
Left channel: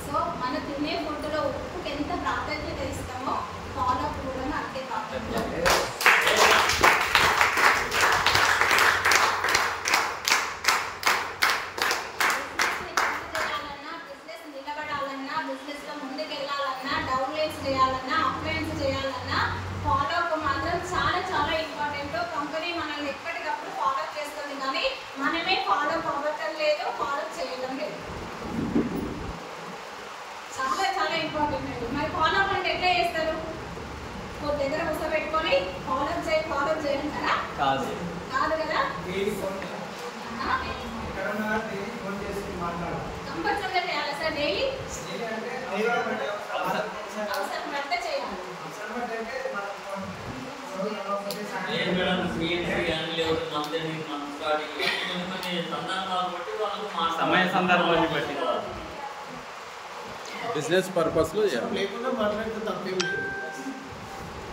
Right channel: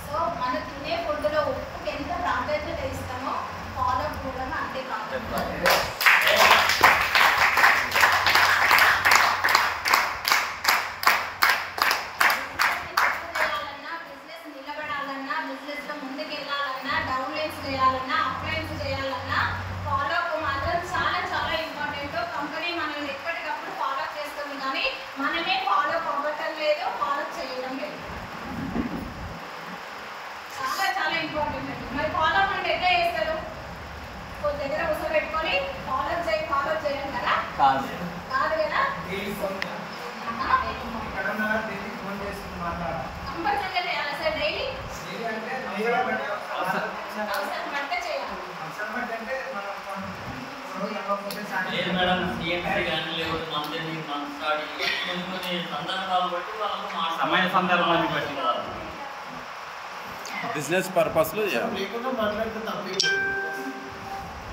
సో మన తినే ఫుడ్లో ఉప్పుకి ఎంత ప్రాధాన్యత ఇస్తామో ఫాలో అప్ కూడా అంతే ప్రాధాన్యత. బిజినెస్ నిలబడాలన్నా, బిజినెస్ లో ముందుకు వెళ్ళాలన్నా, డౌన్ లైన్స్ చేయాలన్నా, అప్ లైన్స్ చేయాలన్నా ఫాలో అప్ మాత్రం చాలా చాలా ఇంపార్టెంట్. కంపెనీ మనల్ని ఎప్పటికప్పుడు ఫాలో అప్ చేస్తుంది, కానీ మనమే ఫాలో అప్ అవ్వటం లేదు, ఫాలో అప్ చేయడం లేదు. చాలా చాలా ఇంపార్టెంట్ అండి. మరి ఫాలో అప్ అంటే ఎట్లా చేస్తారు? కొద్ది దగ్గర కూర్చోబెట్టుకొని ఫాలో అప్ చేయండి కదా, కాదు. కాదు కదా. డైలీ ఫోన్ ఎక్కడన్నా డైలీ ఫోన్ చేసుకుని మాట్లాడాలి. కంపల్సరీగా చేయాలి సార్. డైలీ డైలీ అంటే డైలీ అంటే అవసరం పడితే చేయాలి. అవసరం బట్టి అంటే మనం రోజు అవ్వకపోతే లేదు సాయంత్రం మేడం, సిఎన్సీ కానీ లేకపోతే మంత్ ఎండింగ్, మంత్ స్టార్టింగ్ కొన్ని సందర్భాలు బట్టి వాళ్ళకు సమయ సందర్భాన్ని బట్టి. బిజినెస్ పర్పస్లో చేయాలి. లేకుండా మాట్లాడితే తప్పేం లేదు.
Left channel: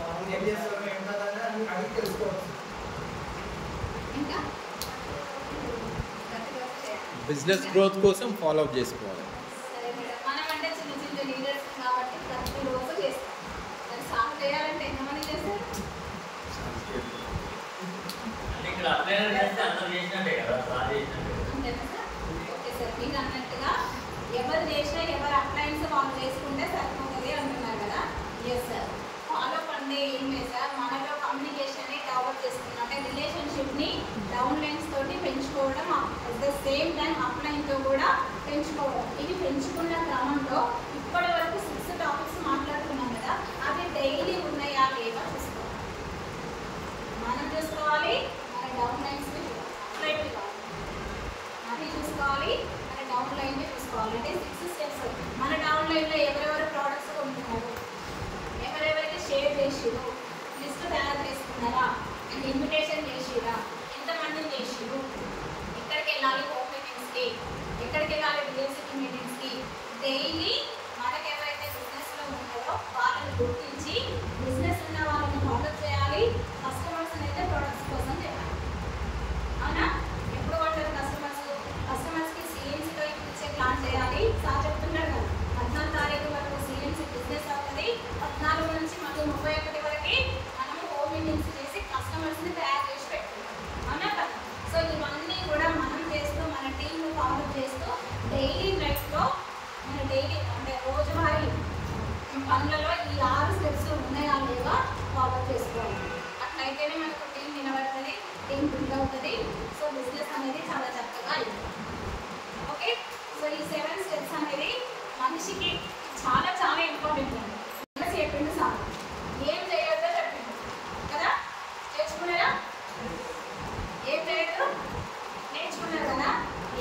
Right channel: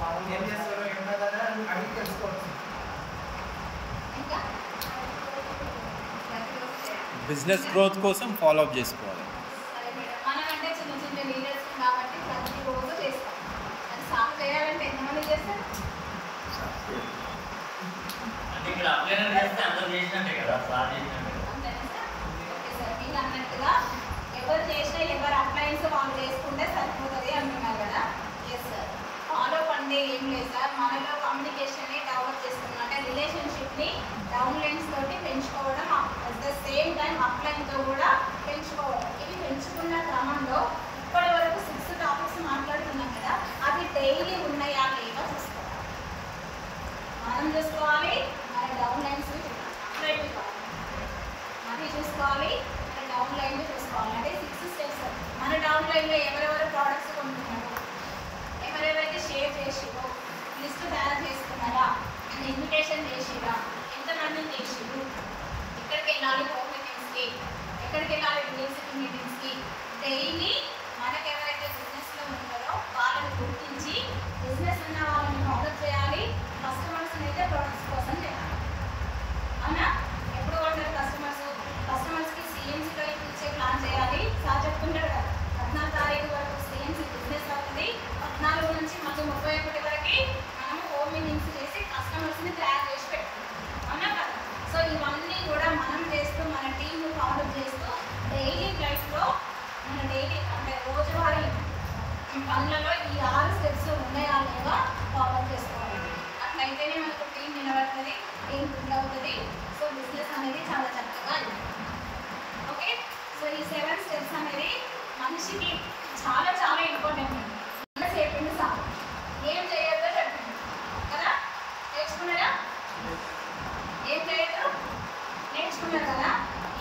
వాళ్ళు ఏం చేస్తారో ఏంటో కదా అని అడిగి తెలుసుకోవచ్చు. ఇంకా ప్రతిరోజు చేయాలి. బిజినెస్ గ్రోత్ కోసం ఫాలో అప్ చేసుకోవాలి. సరే మేడం, మనమంటే చిన్న చిన్న లీడర్స్ కాబట్టి ప్రతిరోజు చేస్తాం. అది సాగు చేయాలంటే ఎంతమంది చేస్తారు? అంటే ఇక్కడ అప్లైనర్ చేస్తే అందరు చేసినట్టే కదా, సార్ చేసినట్టే. అంతేనా సార్? ఓకే సార్, మీరు అన్నట్టుగా ఎవరు చేసినా ఎవరు అప్లయన్స్ వాళ్ళు చేసుకుంటే సరిపోతుంది అంటున్నారు కదా. ఎస్ సార్, ఫాలో అప్ అంటే ఏం లేదు సార్, మనలో కమ్యూనికేషన్ని డెవలప్ చేసుకున్నాం అంటే రిలేషన్షిప్ని డౌన్ లైన్స్ తోటి పెంచుకోవడం, అట్ ద సేమ్ టైం అప్లైన్తో కూడా పెంచుకోవడం. ఇది పెంచుకున్న క్రమంలో ఇప్పటి వరకు 6 టాపిక్స్ మాట్లాడుతున్నాం కదా, అవి డైలీ ఉన్నాయా లేవా చూసుకోవాలి. మనం చూసుకోవాలి, మన డౌన్ లైన్స్ చూడాలి, అది చూసుకోవాలి, మన డౌన్ లైన్ చూసుకోవాలి. అంటే 6 స్టెప్స్. మన డౌన్ లైన్లో ఎవరెవరు ప్రోడక్ట్స్ కొంటున్నారు, ఎవరెవరికి షేర్ చేసిరు, లిస్ట్ తయారు చేసుకున్నారా, ఇన్విటేషన్ చేసిరా, ఎంతమందిని చేసిరు, ఎక్కడికి వెళ్ళాలి హోమ్ మీటింగ్స్కి, ఎక్కడికి వెళ్ళాలి యూనివర్సిటీ మీటింగ్స్కి. డైలీ మనకి ఎవరైతే బిజినెస్లో ఉంటారో వాళ్ళని గుర్తించి బిజినెస్ ఉన్న వాళ్ళని మద్దతు చేయాలి, కస్టమర్స్ని అయితే ప్రొడక్ట్స్ కోసం చేయాలి. అవునా? ఎప్పుడు కొంటారు కస్టమర్స్కి సిఎన్సీలో ఇచ్చే ప్లాన్ చేయాలి. సార్ చెప్తున్నాడు కదా, 14 తారీఖు వరకు సిఎన్సీ బిజినెస్ అవుతుంది, 14 నుంచి మాకు 31 వరకు మనము హోమ్ మీటింగ్స్ చేసి కస్టమర్స్ని తయారు చేసి పెట్టుకుంటాం. అవునా కదా? సో ఇవన్నీ కూడా మనం చేస్తూ, మన టీంని ఫాలో చేస్తూ డైలీ లైఫ్లో మన డైలీ అంటే రోజువారీ పనులలో ఈ 6 స్టెప్స్ ఉన్నాయా లేవా ఫాలో చేసుకోవాలి. అట్లయితేనే మనకు టీం నిలబడుతుంది, టీం బిల్డ్ అవుతుంది. సో బిజినెస్ అనేది చాలా చక్కగా అవుతుంది. ఓకే, సో ఈ 7 స్టెప్స్ అనేది మనిషికి చాలా చాలా ఇంపార్టెంట్ అండి. మనసు చెప్పింది సార్, ఏం చేయొద్దో చెప్పింది కదా, నేర్చుకున్నారా? ఏం చేయొద్దు నేర్చుకున్నారు కదా,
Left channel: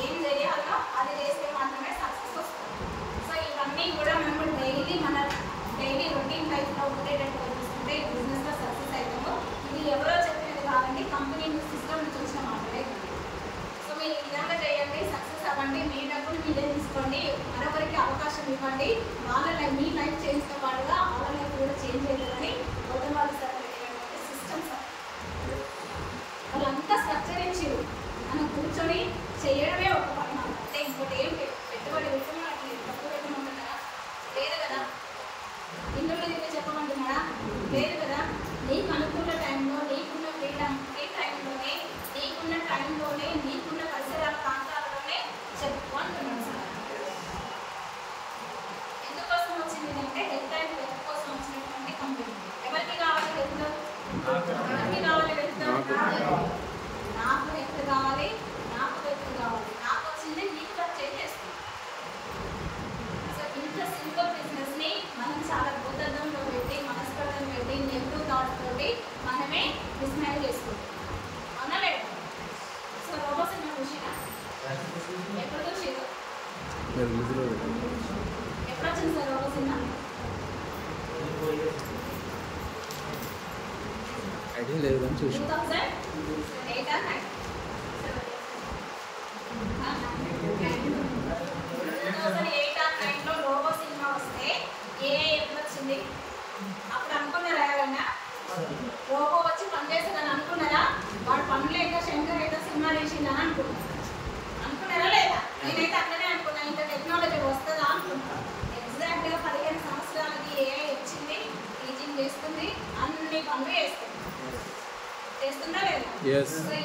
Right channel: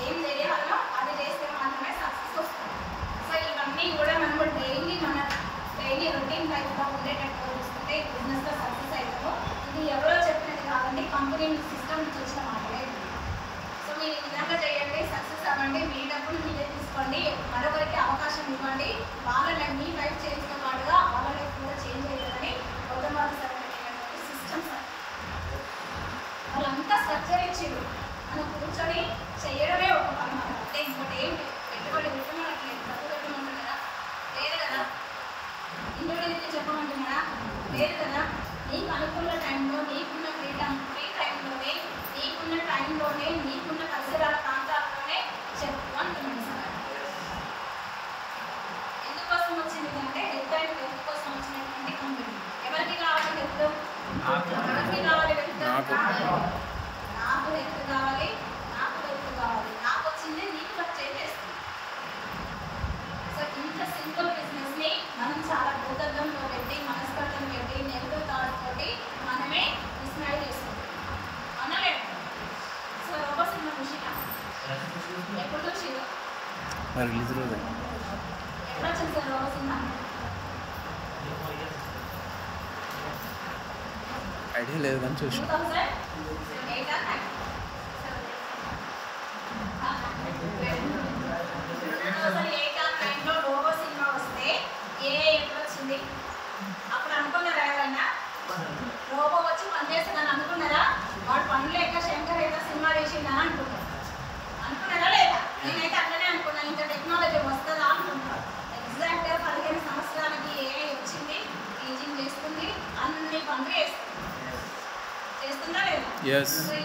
ఏం చేయాలో అది చేస్తే మాత్రమే సక్సెస్ వస్తుంది. సో ఇవన్నీ కూడా మనము మన డైలీ రొటీన్ లైఫ్లో ఉండేటట్టు చూసుకుంటే ఈ బిజినెస్లో సక్సెస్ అవుతాము. ఇది ఎవరో చెప్పినది కాదండి, కంపెనీ సిస్టమ్ చూసిన మాటలేదు. సో మీరు ఈ విధంగా చేయండి, సక్సెస్ అవ్వండి, మీ డబ్బులు మీరే తీసుకోండి, మరొకరికి అవకాశం ఇవ్వండి. వాళ్ళ లైఫ్, మీ లైఫ్ చేసిన పాటుగా వాళ్ళ లైఫ్ కూడా చేంజ్ అవుతుందని గౌతమ్ సార్ పెట్టినటువంటి సిస్టమ్ సార్. వాళ్ళంతా స్ట్రక్చర్ ఇచ్చిరు, మనం కూర్చొని చేయడమే ఒక పని. మనం అంటే ఇంకోటి ఏం పెట్టుబడి పెట్టి మనకి డబ్బు పెట్టమంటున్నారా? లేదు కదా. ఇంటర్వ్యూ చెప్పమంటున్నారా? లేదు కదా. నీకు అనుకున్న టైంలో, నీకున్న ఫ్రీ టైంలోనే, నీకున్న టైంలోనే, నీకున్న పరిసరాల ప్రాంతాల్లోనే చెప్పు అంటున్నాను సార్. ఎందుకోసం వచ్చింది అంటే హెల్త్ అండ్ వెల్త్ కోసం వచ్చినటువంటి కంపెనీ. ఎవరికి కావాలి హెల్త్? ఎవరికి కావాలి హెల్త్? నాకు హెల్త్ కావాలి, నాకు వెల్త్ కావాలి. నాకు వచ్చిందే నీకు ఖర్చు చేస్తుంది. సో ఇంత సింపుల్ బిజినెస్ని మనం చాలా భూతద్దంలో పెట్టి, మనస్పర్ధం పెట్టి, నెగిటివ్ థాట్స్ తోటి మనమే డిస్మాండిల్ చేసుకుంటాం. అవునా లేదా? మరి రిలీజ్ రోజే ఎప్పుడు వచ్చింది సార్ ఒక సినిమా? ఐడియా లేదు కానీ చూసిన 2008 ఆ 9? 2008 ఆ 9లో రోబో సినిమా వస్తే ఎప్పుడు వచ్చింది? అప్పుడు అనుకున్నారా ఎవరైనా రోబో వచ్చి పనిచేస్తాడని అనుకున్నారా? వాడు పని లేక శంకర్ ఏదో సినిమా తీసిందని అనుకున్నారా లేదా? నేనైతే అట్లనే అనుకున్నాను, ఇంత టెక్నాలజీ వస్తుందా అనుకుంటున్నాను. ఎగ్జాక్ట్గా 15 సంవత్సరాలకి ఏఐ వచ్చింది, టీచింగ్ చేస్తుంది, అన్ని పనులు చేస్తుందా లేదా? Yes. సో